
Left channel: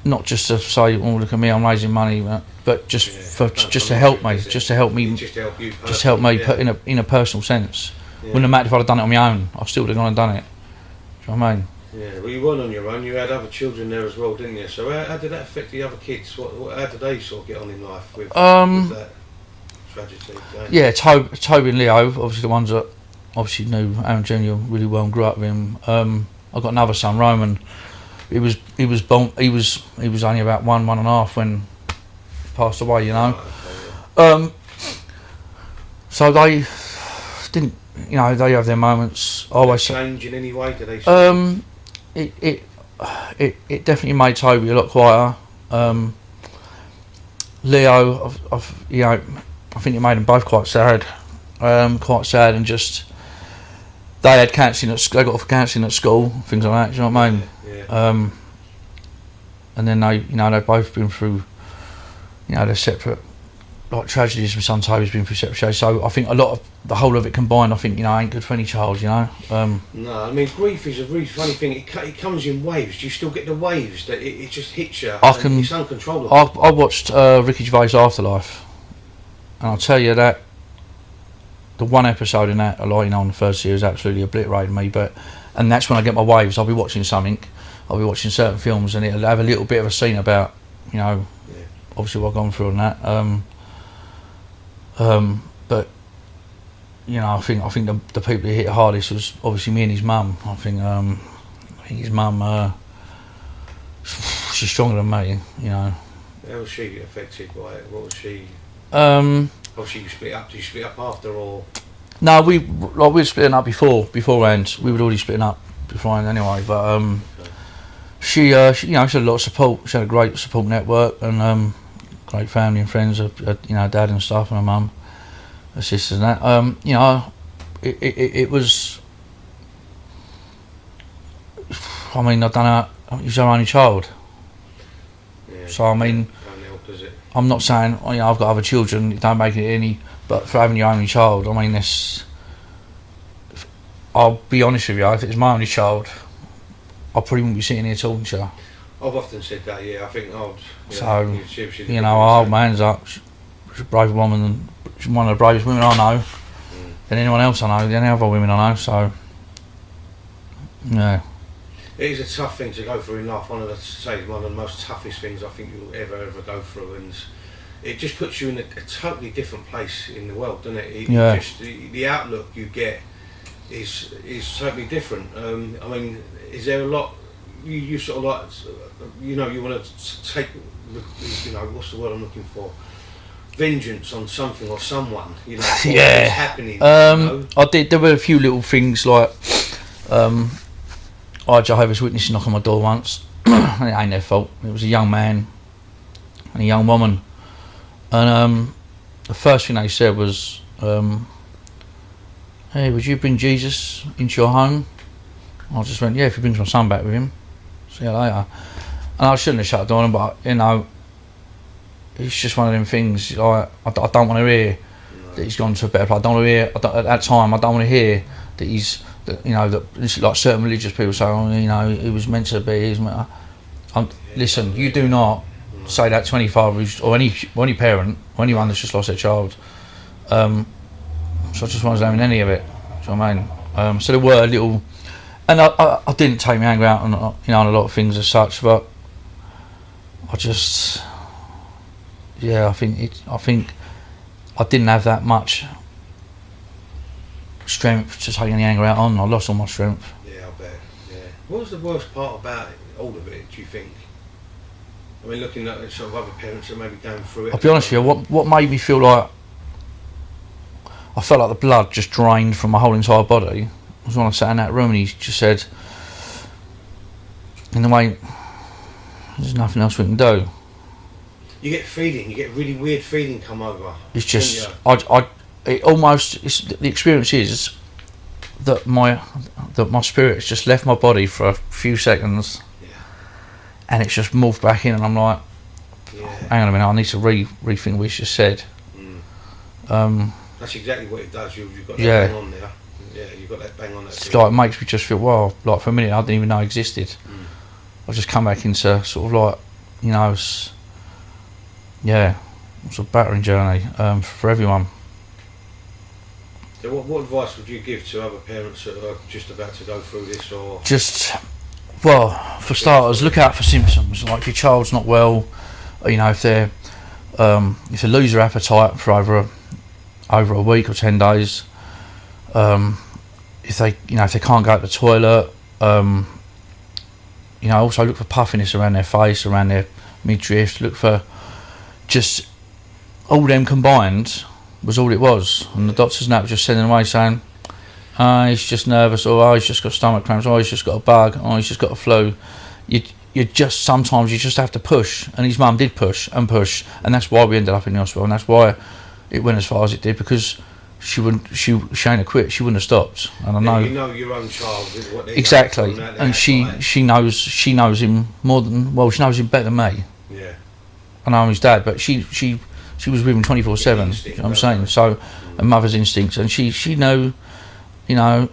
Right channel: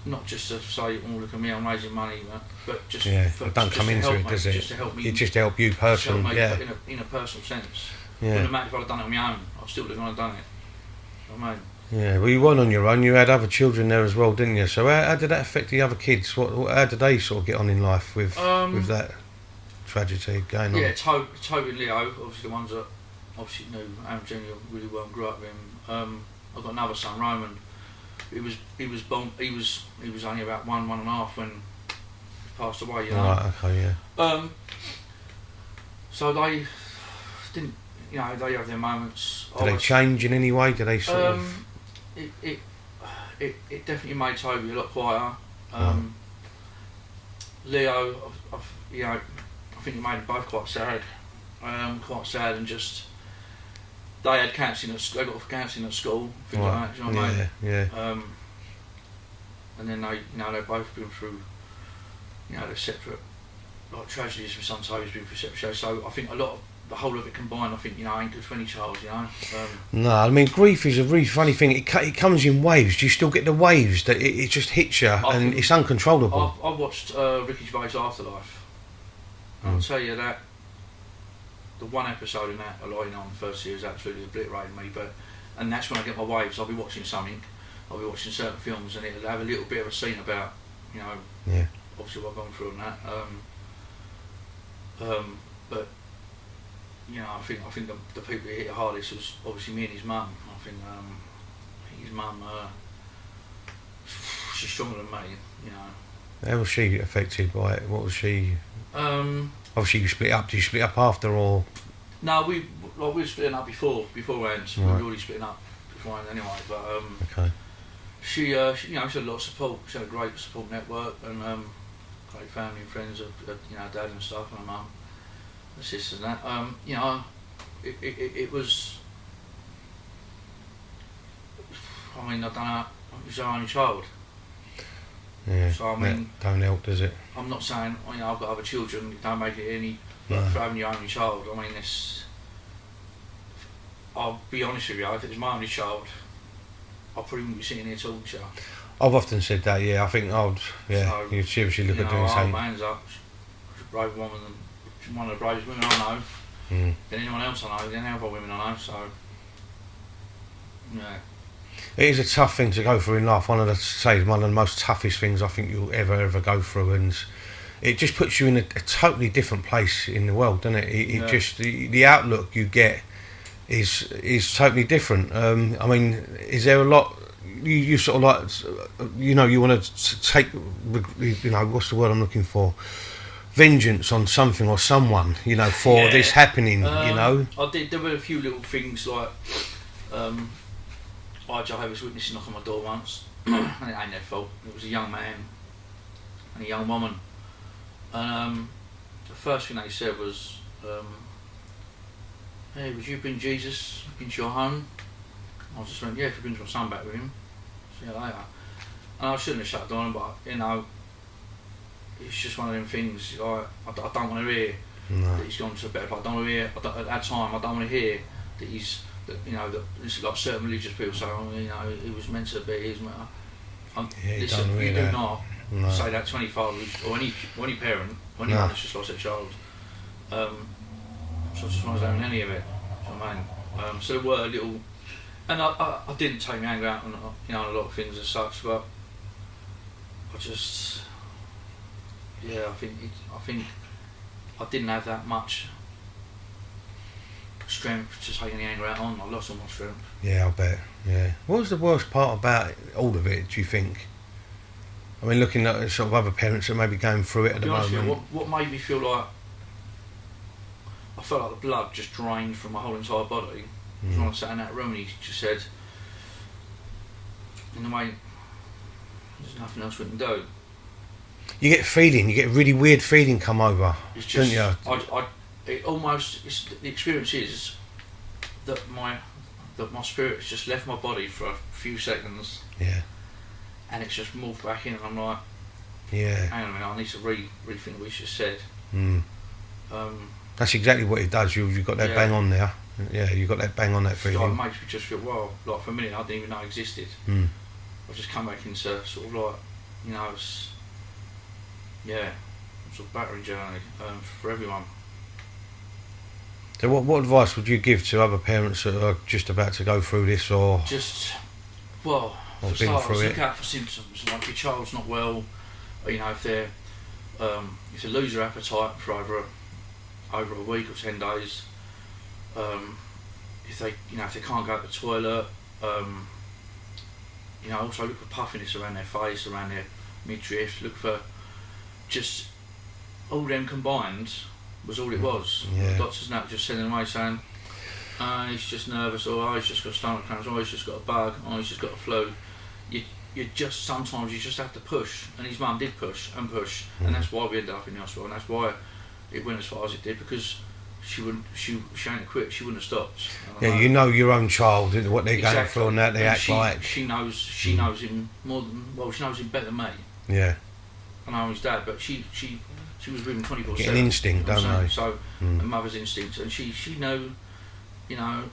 not just to say, oh, look at me, I'm raising money, but just to help me, just to help me, just to help you personally. Just help me in a personal sense. Yeah. Wouldn't have mattered if I'd have done it on my own. I still would have gone and done it. Do you know what I mean? Yeah, well, you weren't on your own. You had other children there as well, didn't you? So how did that affect the other kids? How did they sort of get on in life with that tragedy going on? Yeah, Toby and Leo, obviously the ones that obviously knew Arron Jr. really well and grew up with him. I've got another son, Roman. He was only about 1.5 when he passed away, you know. Right, okay, yeah. So they didn't, you know, they have their moments. Did they change in any way? Did they? It definitely made Toby a lot quieter. Leo, you know, I think it made them both quite sad, and just they had counselling they got off counselling at school, things like that. Do you know what I mean? Yeah. And then they've both been through, you know, their separate like tragedies. My son Toby's been through separate tragedies, so I think the whole of it combined, I think, you know, ain't good for any child, you know. No, I mean, grief is a really funny thing. It comes in waves. Do you still get the waves that it just hits you? It's uncontrollable. I watched Ricky Gervais' Afterlife, and I'll tell you that the one episode in that, like, you know, on the first series, absolutely obliterated me. And that's when I get my waves. I'll be watching something, I'll be watching certain films, and it'll have a little bit of a scene about, you know, obviously what I've gone through on that. But you know, I think the people who hit the hardest was obviously me and his mum. I think his mum, she's stronger than me, you know. How was she affected by it? What was she? Obviously, you split up. Did you split up after, or? No, we were splitting up beforehand. Right. We were already splitting up beforehand anyway. But okay. She you know, she had a lot of support. She had a great support network and great family and friends. You know, dad and stuff, and her mum, her sisters and that. You know, it was. I mean, I don't know. He was our only child. Yeah, so I mean, don't help, does it? I'm not saying, you know, I've got other children. It don't make it any, but for having your only child, I mean, this. I'll be honest with you. If it was my only child, I probably wouldn't be sitting here talking to you. I've often said that. Yeah, I think I would. Yeah, so you know, I hold my hands up. she's a brave woman, she's one of the bravest women I know, than anyone else I know, than any other women I know. So, yeah. It is a tough thing to go through in life. One of the most toughest things I think you'll ever go through, and it just puts you in a totally different place in the world, doesn't it? It just the outlook you get is totally different. I mean, is there a lot you sort of like, you know, you want to take, you know, what's the word I'm looking for? Vengeance on something or someone, you know, for this happening. You know? I did. There were a few little things like. I had Jehovah's Witnesses knock on my door once. And it ain't their fault. It was a young man and a young woman. And the first thing they said was, hey, would you bring Jesus into your home? I just went, yeah, if he brings my son back with him. See you later. And I shouldn't have shut the door on him, but, you know, it's just one of them things. I don't want to hear that he's gone to a better place. I don't want to hear, at that time, I don't want to hear that he's, you know, that this is like certain religious people say, oh, you know, he was meant to be. Listen, you do not say that to any father or any parent or anyone that's just lost their child. So I just wasn't having any of it. Do you know what I mean? So there were a little, and I didn't take my anger out on, you know, on a lot of things as such, but I just, I think I didn't have that much strength to take any anger out on. I lost all my strength. Yeah, I'll bet. Yeah. What was the worst part about all of it, do you think? I mean, looking at sort of other parents that may be going through it. I'll be honest with you, what made me feel like I felt like the blood just drained from my whole entire body was when I sat in that room and he just said, in the way, there's nothing else we can do. You get a really weird feeling come over. It's just, the experience is that my spirit has just left my body for a few seconds. Yeah. And it's just morphed back in, and I'm like, hang on a minute, I need to rethink what we just said. That's exactly what it does. You've got that bang on there. Yeah, you've got that bang on that. Like, it makes me just feel, well, like for a minute I didn't even know it existed. I've just come back into sort of like, you know, it's a battering journey for everyone. So what advice would you give to other parents that are just about to go through this, or just, well, for starters, look out for symptoms like your child's not well, you know, if they lose their appetite for over a week or 10 days, if they can't go to the toilet, you know, also look for puffiness around their face, around their midriff, look for just all them combined was all it was. And the doctors now were just sending away saying, he's just nervous, or he's just got stomach cramps, or he's just got a bug, or he's just got a flu. Sometimes you just have to push, and his mum did push, and that's why we ended up in the hospital, and that's why it went as far as it did, because she ain't have quit, she wouldn't have stopped. And I know, you know your own child, what they're exactly, going through, and she knows him more than, well, she knows him better than me. Yeah. I know I'm his dad, but she was with him 24/7. You know what I'm saying? So, a mother's instincts, and she know, you know,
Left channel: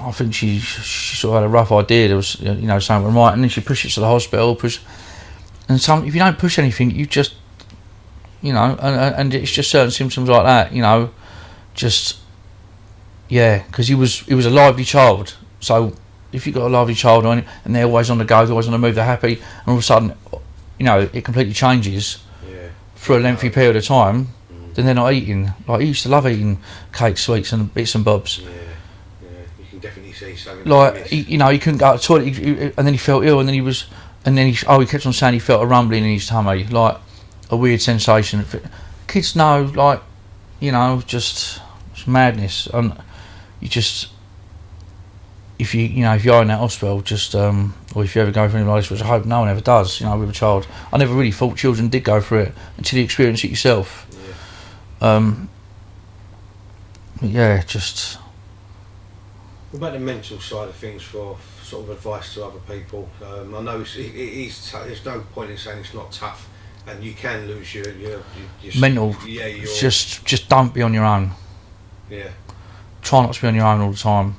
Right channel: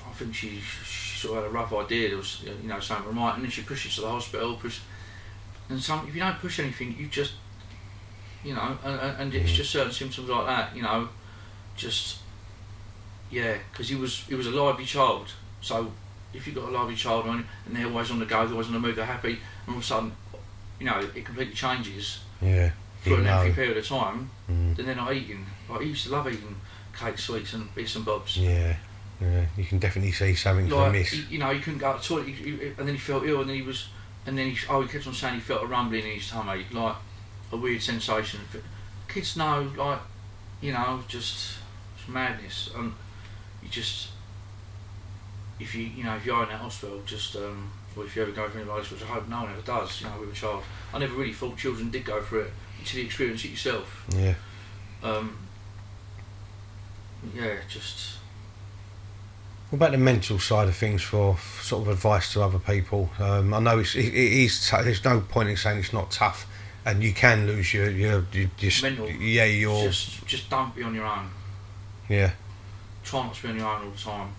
I think she sort of had a rough idea there was, you know, something right, and then she pushed it to the hospital, and if you don't push anything, you just, you know, and it's just certain symptoms like that, you know, just, because he was a lively child, so if you've got a lively child on, and they're always on the go, they're always on the move, they're happy, and all of a sudden, you know, it completely changes. Yeah. For a lengthy period of time, then they're not eating. Like, he used to love eating cakes, sweets, and bits and bobs. Yeah, you can definitely see something. Like, you know, he couldn't go to the toilet, and then he felt ill, and then he kept on saying he felt a rumbling in his tummy, like a weird sensation. Kids know, like, you know, just it's madness. You just, if you're in that hospital, just or if you ever go through anything like this, which I hope no one ever does, you know, with a child. I never really thought children did go through it until you experience it yourself. Just. What about the mental side of things for sort of advice to other people? I know it is. There's no point in saying it's not tough, and you can lose your mental. Your just don't be on your own. Yeah. Try not to be on your own all the time.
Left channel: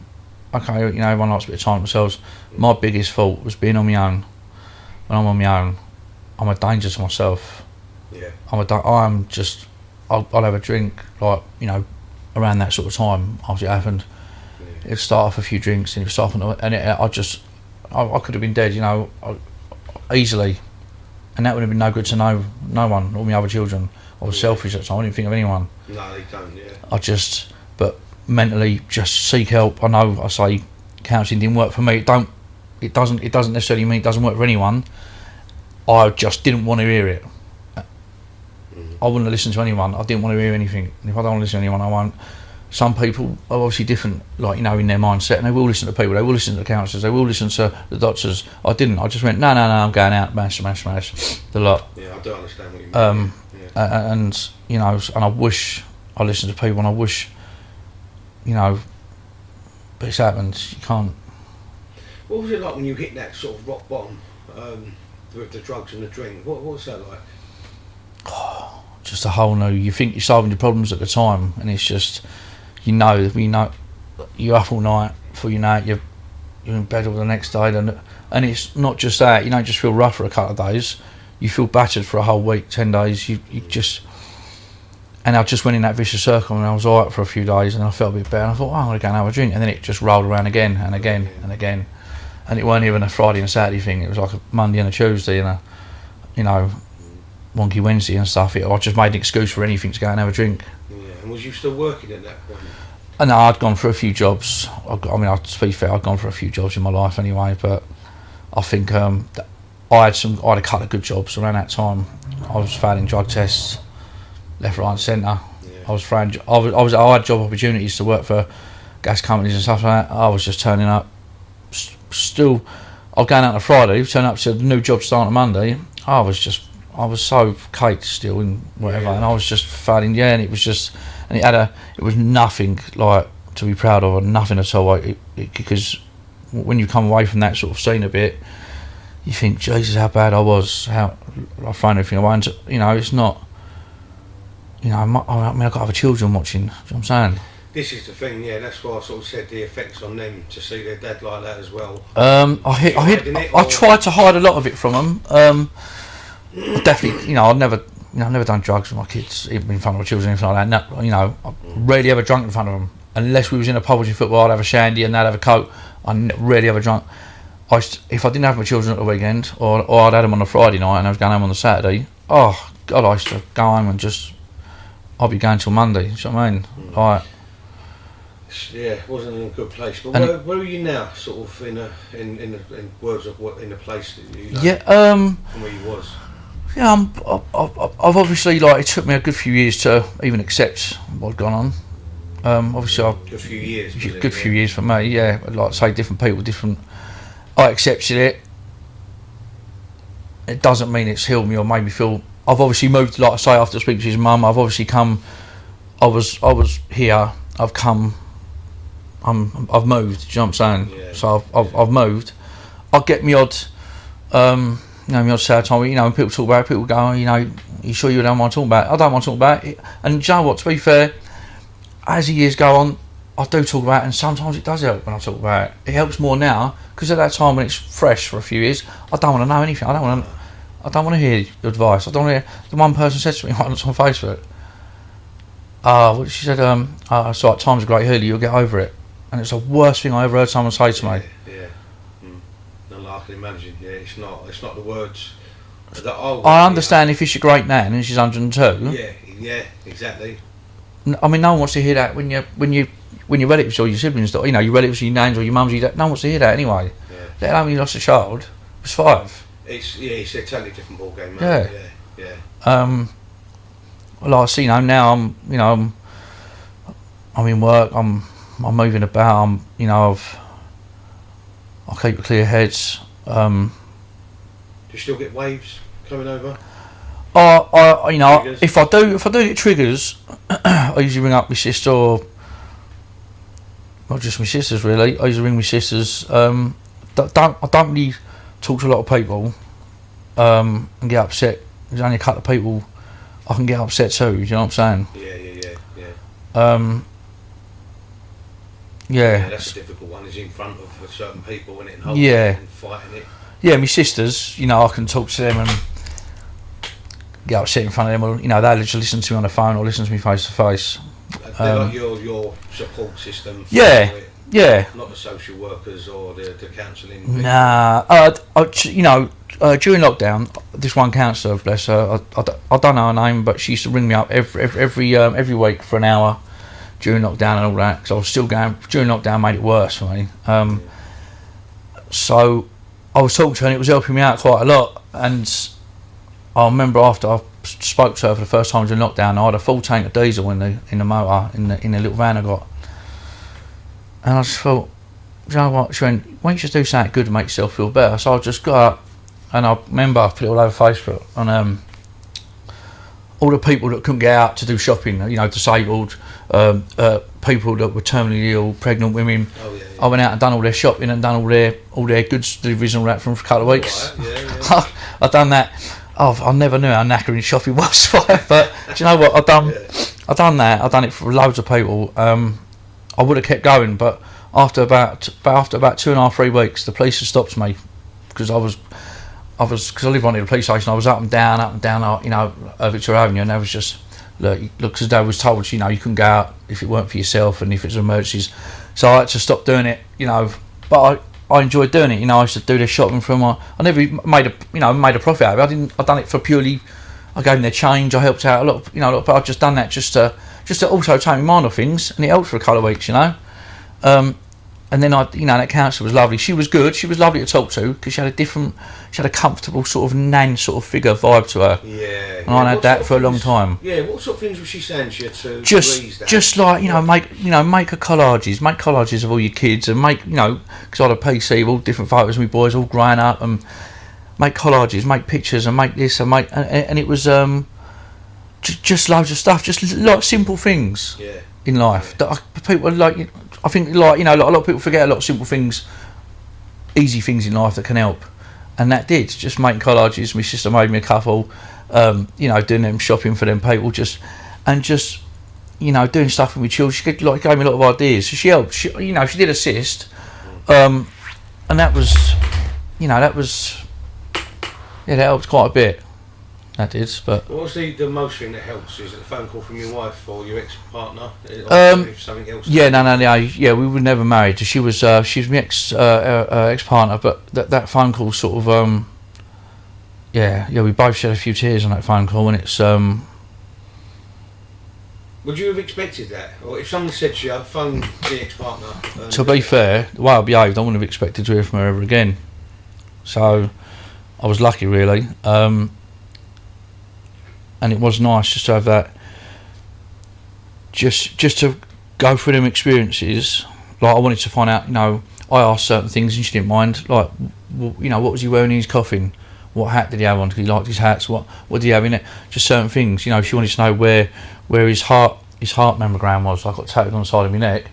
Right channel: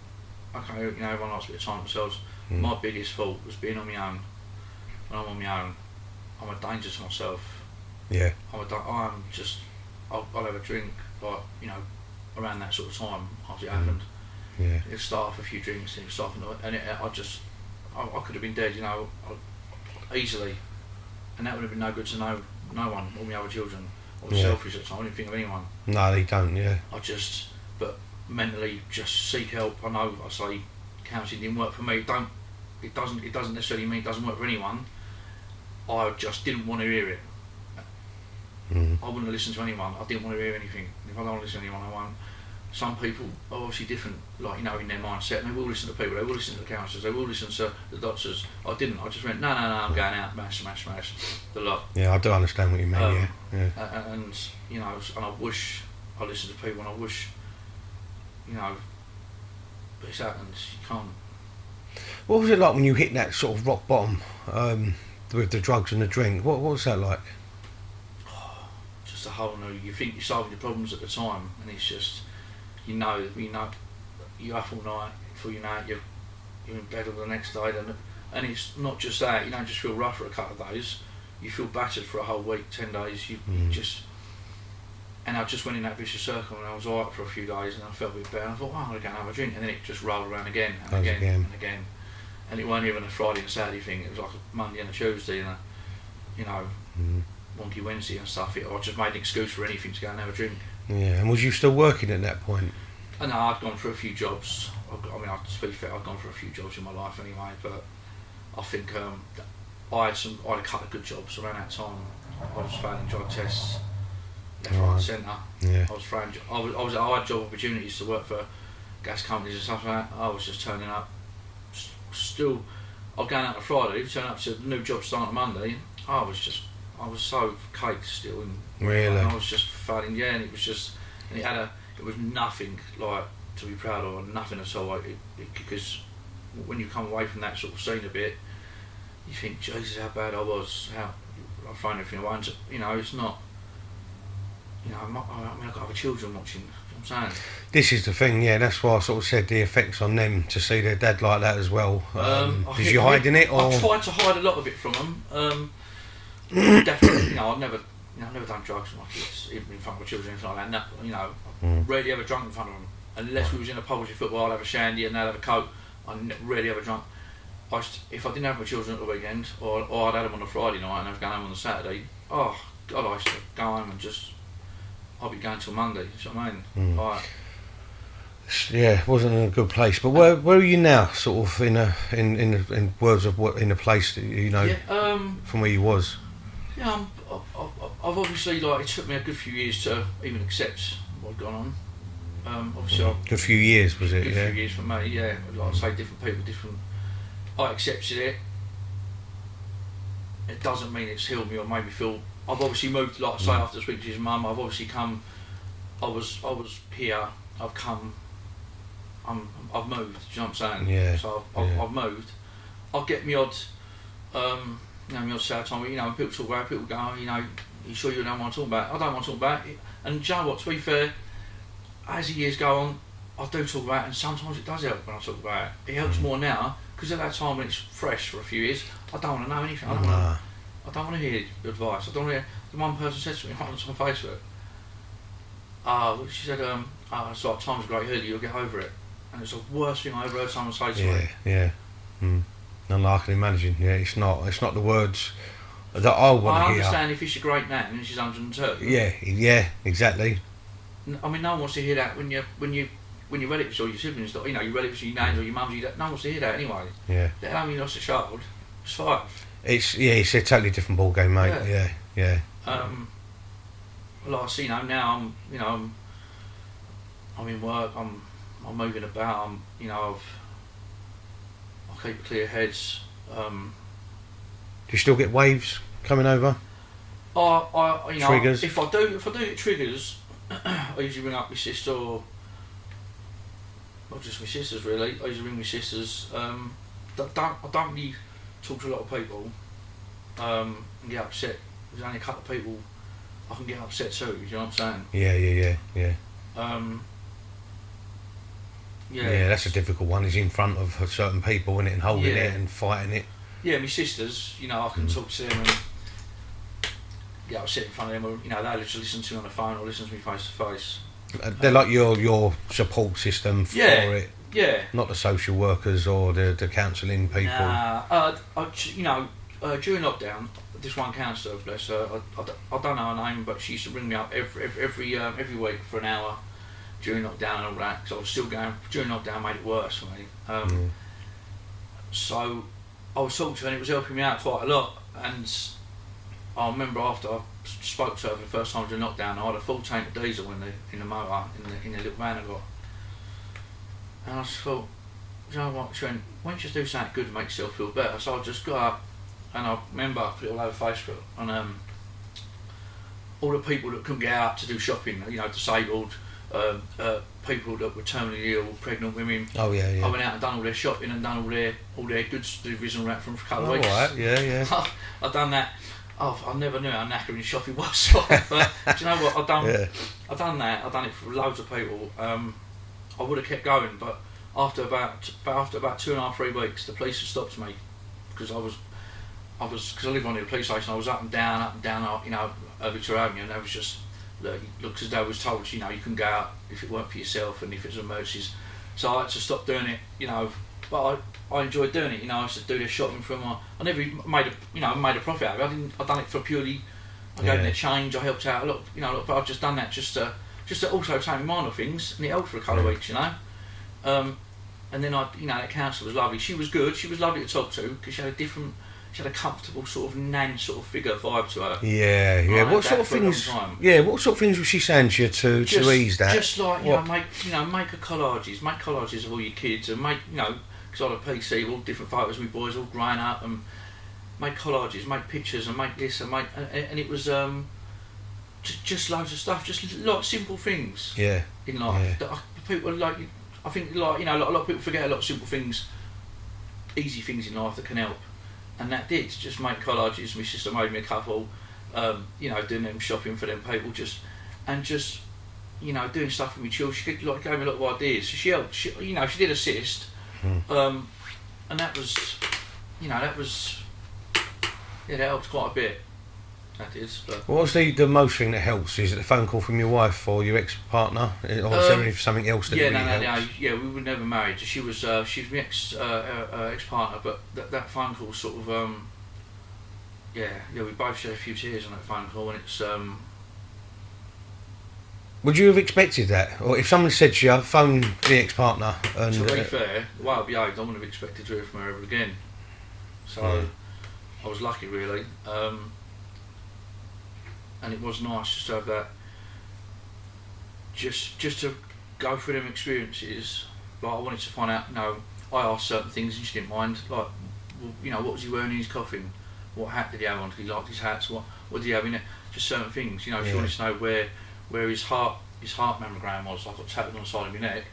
Okay, you know, everyone likes a bit of time themselves. My biggest fault was being on my own. When I'm on my own, I'm a danger to myself. Yeah. I'm just I'd have a drink, like, you know, around that sort of time after it happened. Yeah. It'd start off a few drinks and it'd start off, and I could have been dead, you know, easily, and that would have been no good to no one, all my other children. I was selfish at the time. I didn't think of anyone. No, they don't. Yeah. But mentally, just seek help. I know I say counselling didn't work for me. It doesn't necessarily mean it doesn't work for anyone. I just didn't want to hear it. I wouldn't have listened to anyone. I didn't want to hear anything. And if I don't want to listen to anyone, I won't. Some people are obviously different, like, you know, in their mindset, and they will listen to people, they will listen to the counsellors, they will listen to the doctors. I didn't. I just went, no, I'm going out, smash, the lot. Yeah, I do understand what you mean. And, you know, and I wish I listened to people, and I wish, you know, but it's happened. You can't. What was it like when you hit that sort of rock bottom with the drugs and the drink? What was that like? Just a whole new. You think you're solving your problems at the time, and it's just, you know, you're up all night before you know it, you're in bed all the next day, and it's not just that. You don't just feel rough for a couple of days. You feel battered for a whole week, 10 days. You just. And I just went in that vicious circle, and I was alright for a few days, and I felt a bit better. And I thought, I'm going to go and have a drink, and then it just rolled around again and again and again. And it weren't even a Friday and Saturday thing. It was like a Monday and a Tuesday and a, you know, wonky Wednesday and stuff. I just made an excuse for anything to go and have a drink. Yeah, and was you still working at that point? And no, I'd gone for a few jobs. To be fair, I'd gone for a few jobs in my life anyway. But I think I had a couple of good jobs around that time. I was failing drug tests, left, right, and centre. Yeah. I had job opportunities to work for gas companies and stuff like that. I was just turning up. Still, I was going out on a Friday, turning up to a new job starting on Monday. I was so caked still in whatever, Really? and I was just failing. Yeah, and it was just, and it was nothing like to be proud of, or nothing at all. Because when you come away from that sort of scene a bit, you think, Jesus, how bad I was. How I found everything away. And, you know, it's not. You know, I've got other children watching. Do you know what I'm saying? This is the thing, yeah. That's why I sort of said the effects on them to see their dad like that as well. I tried to hide a lot of it from them. Definitely, you know, I've never done drugs with my kids, even in front of my children, anything like that. No, you know, I rarely ever drunk in front of them, unless we was in a pub watching football. I'd have a shandy and they'd have a coke. I rarely ever drunk. If I didn't have my children at the weekend, or I'd had them on a Friday night and I was going home on the Saturday. Oh God, I used to go home and I'd be going till Monday. You know what I mean? Like, yeah, wasn't in a good place. But where are you now? Sort of in words of what, in a place that you know. Yeah. From where you was. Yeah, I've obviously, like, it took me a good few years to even accept what'd gone on. Obviously, good few years. Was it? Good few years for me. Yeah, like I say, different people, different. I accepted it. It doesn't mean it's healed me or made me feel. I've obviously moved, like I say, after speaking to his mum. I've obviously come. I was here. I've come. I've moved. Do you know what I'm saying? Yeah. So I've moved. I get me odd. You know, me odd sad time. You know, when people talk about it, people go, you know, you sure you don't want to talk about it? I don't want to talk about it. And do you know what? To be fair, as the years go on, I do talk about it, and sometimes it does help when I talk about it. It helps more now because at that time when it's fresh for a few years, I don't want to know anything. I don't want to hear advice. I don't want to hear. The one person said to me once on Facebook, she said, it's like, time's a great healer, you'll get over it. And it's the worst thing I ever heard someone say to me. Yeah. And I can imagine, yeah, it's not the words that I understand if it's your great nan and she's 102. Yeah, exactly. I mean, no one wants to hear that when your relatives or your siblings, you know, your relatives or your nans or your mums, no one wants to hear that anyway. Yeah. Let alone when you lost a child. It was 5. It's a totally different ball game, mate. Yeah. Like I see, you know, now I'm in work. I'm moving about. I keep a clear head. Do you still get waves coming over? You know, triggers? if I do get triggers, I usually ring up my sister, or not just my sisters really. I usually ring my sisters. I don't really talk to a lot of people and get upset. There's only a couple of people I can get upset too. Do you know what I'm saying? Yeah. Yeah, that's a difficult one. Is in front of certain people and holding it and fighting it. Yeah, my sisters, you know, I can talk to them and get upset in front of them, or they'll just listen to me on the phone or listen to me face to face. They're like your support system for Yeah, it, yeah. not the social workers or the counselling people. Nah, during lockdown, this one counsellor, bless her, I don't know her name, but she used to ring me up every week for an hour during lockdown and all that, because I was still going. During lockdown made it worse for me. So I was talking to her and it was helping me out quite a lot. And I remember after I spoke to her for the first time during lockdown, I had a full tank of diesel in the motor in the little van I got, and I just thought, you know what? She went, why don't you just do something good to make yourself feel better? So I just got up, and I remember I put it all over Facebook on all the people that couldn't get out to do shopping, disabled, people that were terminally ill, pregnant women. Oh yeah. I went out and done all their shopping and done all their goods deliveries and all that for a couple of weeks. Right, yeah. I've done that. I never knew how knackering shopping was, but do you know what? I've done that. I've done it for loads of people. I would have kept going, but after about 2.5-3 weeks, the police had stopped me because I live on the police station. I was up and down, Victoria Avenue, and I was just look, because I was told, you couldn't go out if it weren't for yourself and if it's emergencies. So I had to stop doing it, But I enjoyed doing it. I used to do their shopping for my. I never made a profit out of it. I done it for purely. I gave them their change. I helped out a lot. But I've just done that just to also take my mind off things, and it helped for a couple of weeks, And then that counsellor was lovely. She was good. She was lovely to talk to because she had a comfortable sort of nan sort of figure vibe to her. Yeah. And I had that for a long time. Yeah. What sort of things was she saying to you to ease that? Just like make collages of all your kids and make because I had a PC of all different photos of my boys all growing up, and make collages, make pictures, and make this and make and it was just loads of stuff, just like simple things. Yeah. In life that people like. I think a lot of people forget a lot of simple things, easy things in life that can help, and that did. Just making collages. My sister made me a couple, doing them shopping for them people, doing stuff with my children. She gave me a lot of ideas. So she helped. She did assist, and that helped quite a bit. That did, but what was the most thing that helps? Is it a phone call from your wife or your ex-partner? Or something else? Yeah, we were never married. She was my ex-partner, but that phone call sort of we both shed a few tears on that phone call, and it's Would you have expected that, or if someone said to you, "Phone the ex-partner"? To be fair, the way I behaved, I wouldn't have expected to hear from her ever again. So I was lucky, really. And it was nice just to have that, just to go through them experiences. Like I wanted to find out, I asked certain things and she didn't mind. Like, what was he wearing in his coffin? What hat did he have on? Because he liked his hats. What did he have in it? Just certain things. She wanted to know where his heart mammogram was. I got tattooed on the side of my neck.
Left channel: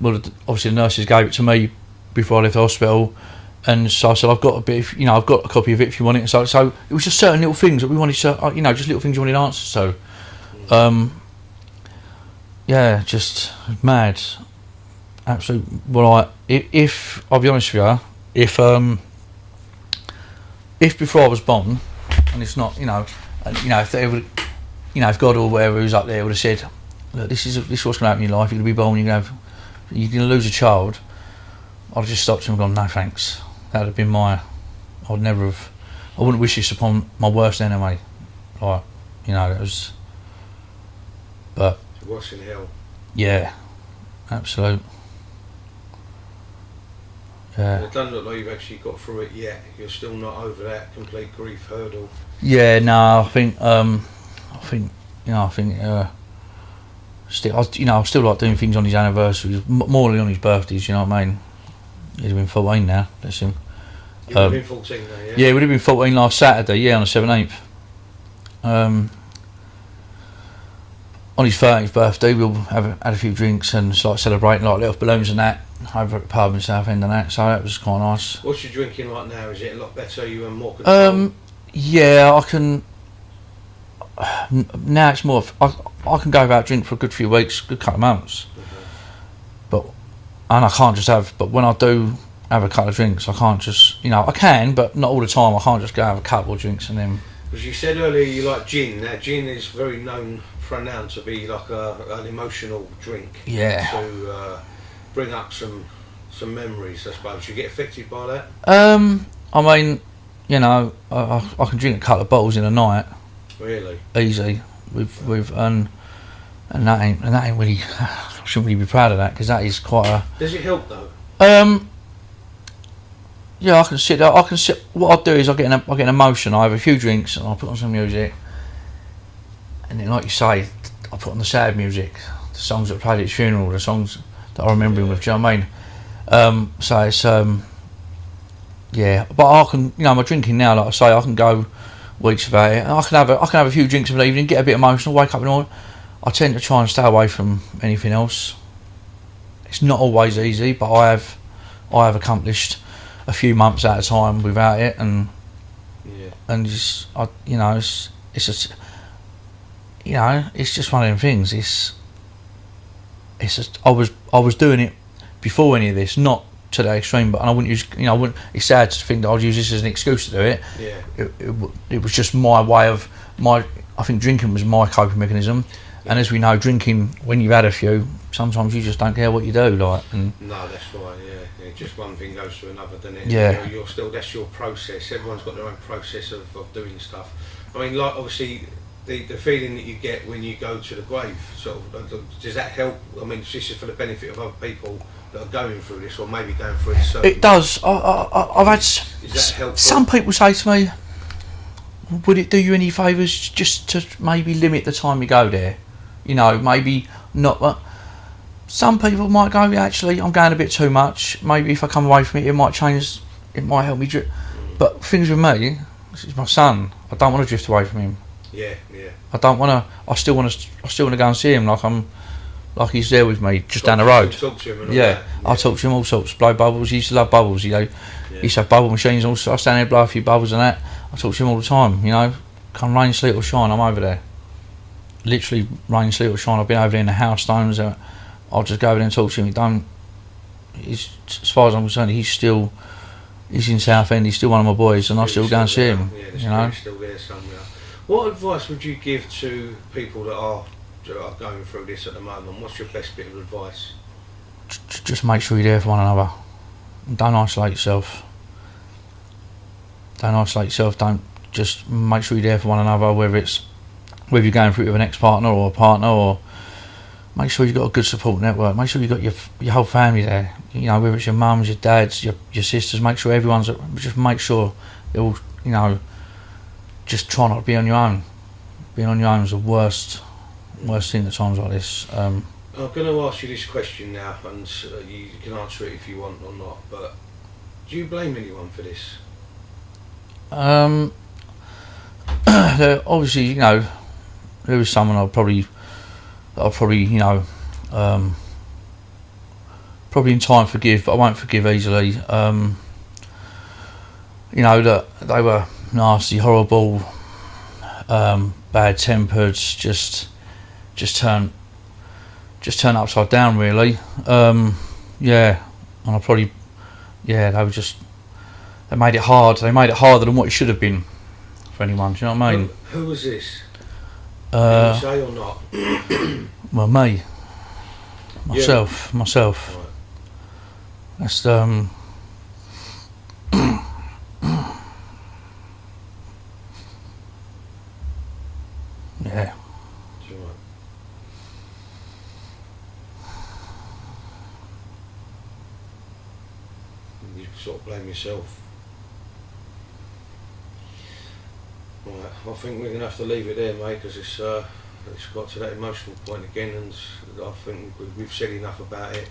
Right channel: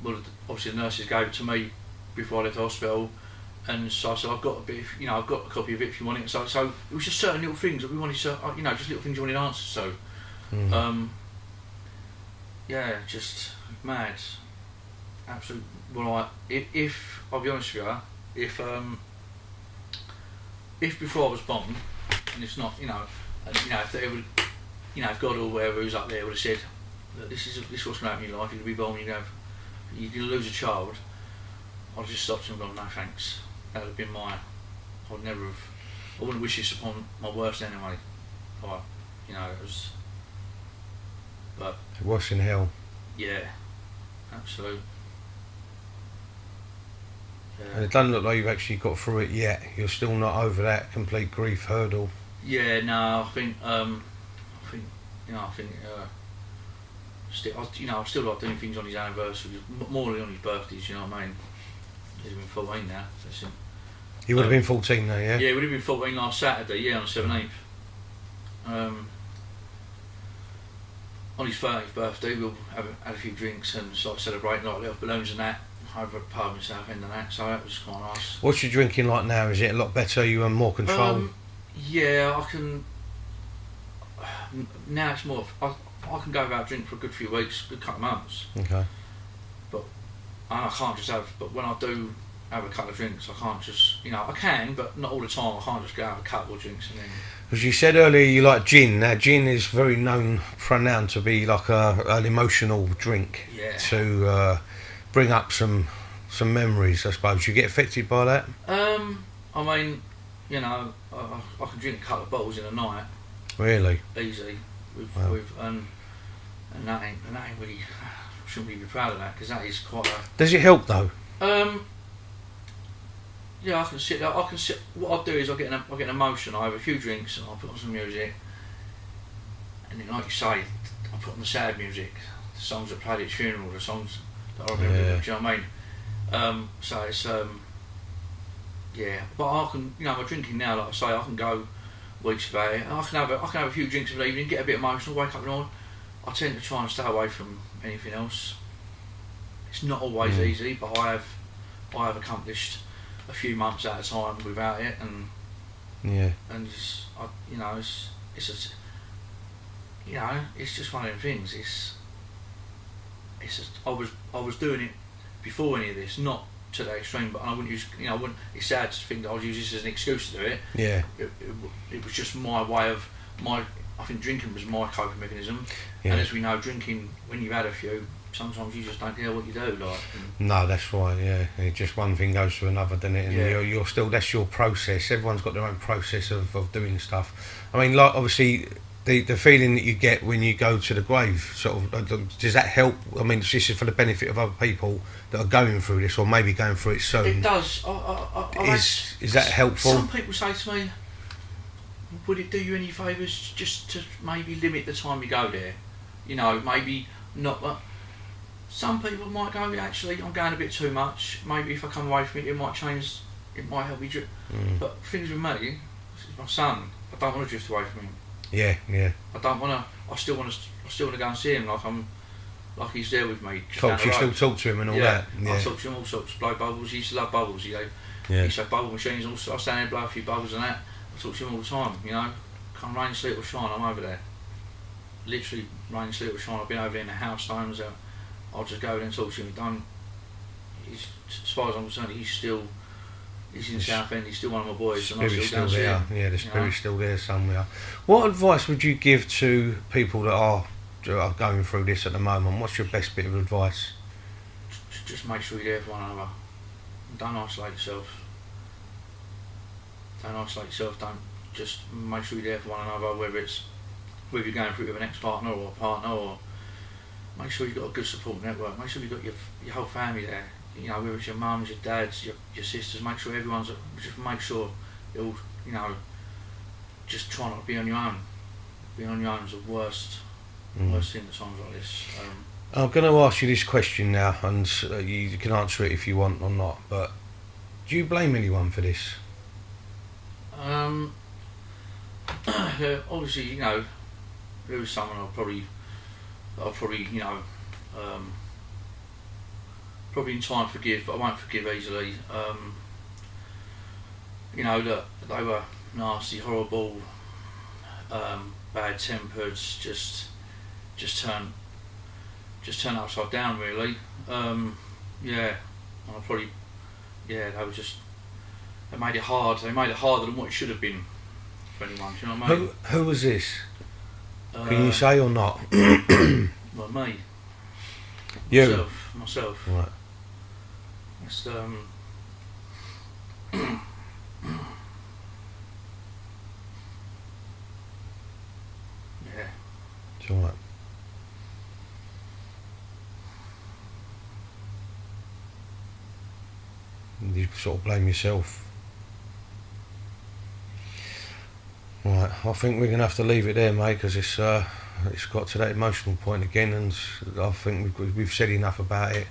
Well, obviously the nurses gave it to me before I left the hospital. And so I said, I've got a bit, I've got a copy of it if you want it. So it was just certain little things that we wanted to, just little things you wanted answers to. Just mad, absolute. Well, if I'll be honest with you, if before I was born, and it's not, if they would, if God or whoever was up there would have said, look, this is what's going to happen in your life. You're going to be born, you're going to lose a child. I'd have just stopped him and gone, no thanks. That would have been I wouldn't wish this upon my worst enemy. Like, it was. But. Worse in hell. Yeah, absolute. Yeah. It doesn't look like you've actually got through it yet. You're still not over that complete grief hurdle. Yeah, no, I think I still like doing things on his anniversaries, more than on his birthdays. You know what I mean? He's been 14 now, bless him. You would have been 14 now, yeah? Yeah, he would have been 14 last Saturday, on the 17th. On his 30th birthday, we'll had a few drinks and start celebrating, like little balloons and that, over at the pub in Southend and that, so that was quite nice. What's your drinking like now? Is it a lot better? You have more control? Yeah, I can... Now it's more... I can go without drink for a good few weeks, good couple of months. Okay. And I can't just have, but when I do have a couple of drinks, I can't just, I can, but not all the time. I can't just go have a couple of drinks and then. Because you said earlier you like gin. Now, gin is very renowned to be like an emotional drink. Yeah. To bring up some memories, I suppose. You get affected by that? I mean, you know, I can drink a couple of bottles in a night. Really? Easy. And that ain't really. I shouldn't really be proud of that because that is quite a. Does it help though? Yeah, I can sit there. What I do is I get an emotion. I have a few drinks and I put on some music, and then, like you say, I put on the sad music, the songs that played at his funeral, the songs that I remember him with. Do you know what I mean? So it's yeah. But I can, you know, my drinking now, like I say, I can go weeks without it. I can have a few drinks in the evening, get a bit emotional, wake up in the morning. I tend to try and stay away from anything else. It's not always easy, but I have accomplished a few months at a time without it, and just it's just, you know, it's just one of them things. It's just I was doing it before any of this, not to that extreme, but I wouldn't use, you know, it's sad to think that I'd use this as an excuse to do it. Yeah. It was just my way of I think drinking was my coping mechanism. Yeah. And as we know, drinking, when you've had a few, sometimes you just don't care what you do. No, that's right. Yeah, just one thing goes to another, doesn't it? And yeah. You're still, that's your process. Everyone's got their own process of doing stuff. I mean, like, obviously, the feeling that you get when you go to the grave, sort of, does that help? I mean, this is for the benefit of other people that are going through this, or maybe going through it soon. It does. Is that helpful? Some people say to me, would it do you any favours just to maybe limit the time you go there? You know, maybe not. Some people might go, yeah, actually, I'm going a bit too much. Maybe if I come away from it, it might change. It might help me drift. But things with me, this is my son. I don't want to drift away from him. Yeah. I don't want to. I still want to go and see him like he's there with me, just down the road. Talk to him and all yeah. that. I talk to him all sorts. Blow bubbles. He used to love bubbles. You know, he used to have bubble machines. Also, I stand there, blow a few bubbles and that. I talk to him all the time. You know, come rain, sleet or shine, I'm over there. Literally rain, sleet or shine. I've been over there in the house stones. I'll just go over there and talk to him. As far as I'm concerned, he's in Southend. He's still one of my boys, and I still go and see him. Yeah, the spirit's still there somewhere. What advice would you give to people that are going through this at the moment? What's your best bit of advice? Just make sure you're there for one another. Don't isolate yourself. Don't just make sure you're there for one another, whether you're going through it with an ex-partner or a partner, or make sure you've got a good support network. Make sure you've got your whole family there. You know, whether it's your mums, your dads, your sisters. Make sure just make sure they're all, you know, just try not to be on your own. Being on your own is the worst thing at times like this. I'm going to ask you this question now, and you can answer it if you want or not, but do you blame anyone for this? Obviously, you know, there was someone I'll probably, you know, probably in time forgive, but I won't forgive easily. You know, that they were nasty, horrible, bad-tempered, just turn upside down, really. Yeah, and I probably, yeah, they made it hard. They made it harder than what it should have been for anyone. Do you know what I mean? Who was this? Can you say or not? Well, me. Myself. Right. That's yeah. It's all right. You sort of blame yourself. Right, I think we're going to have to leave it there, mate, because it's got to that emotional point again, and I think we've said enough about it.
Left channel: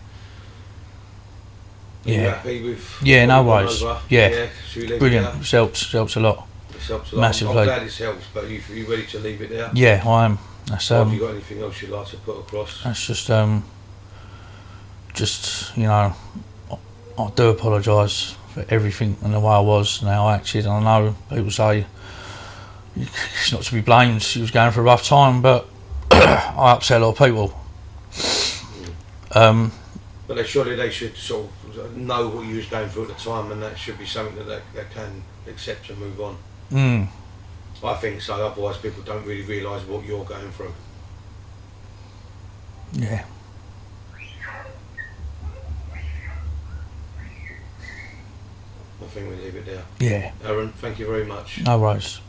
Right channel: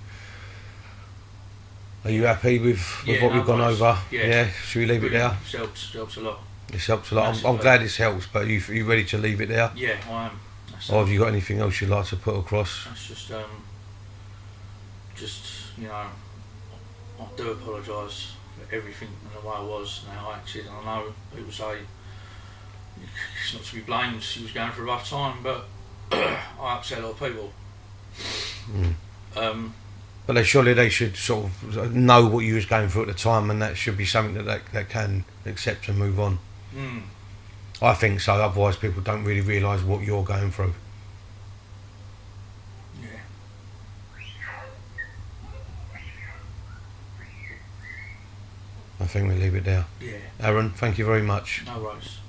Are you happy with no what we've worries. gone over? Yeah. Should we leave Brilliant. it there? It helps a lot. This helps a lot. Massively. I'm glad this helps, but you ready to leave it there? Yeah, I am. That's, or have you got anything else you'd like to put across? That's just you know, I do apologise for everything and the way I was and how I acted. And I know people say it's not to be blamed. She was going for a rough time, but I upset a lot of people. But surely they should sort of know what you was going through at the time, and that should be something that they can accept and move on. I think so. Otherwise, people don't really realise what you're going through. Yeah. I think we leave it there. Yeah. Arron, thank you very much. No worries.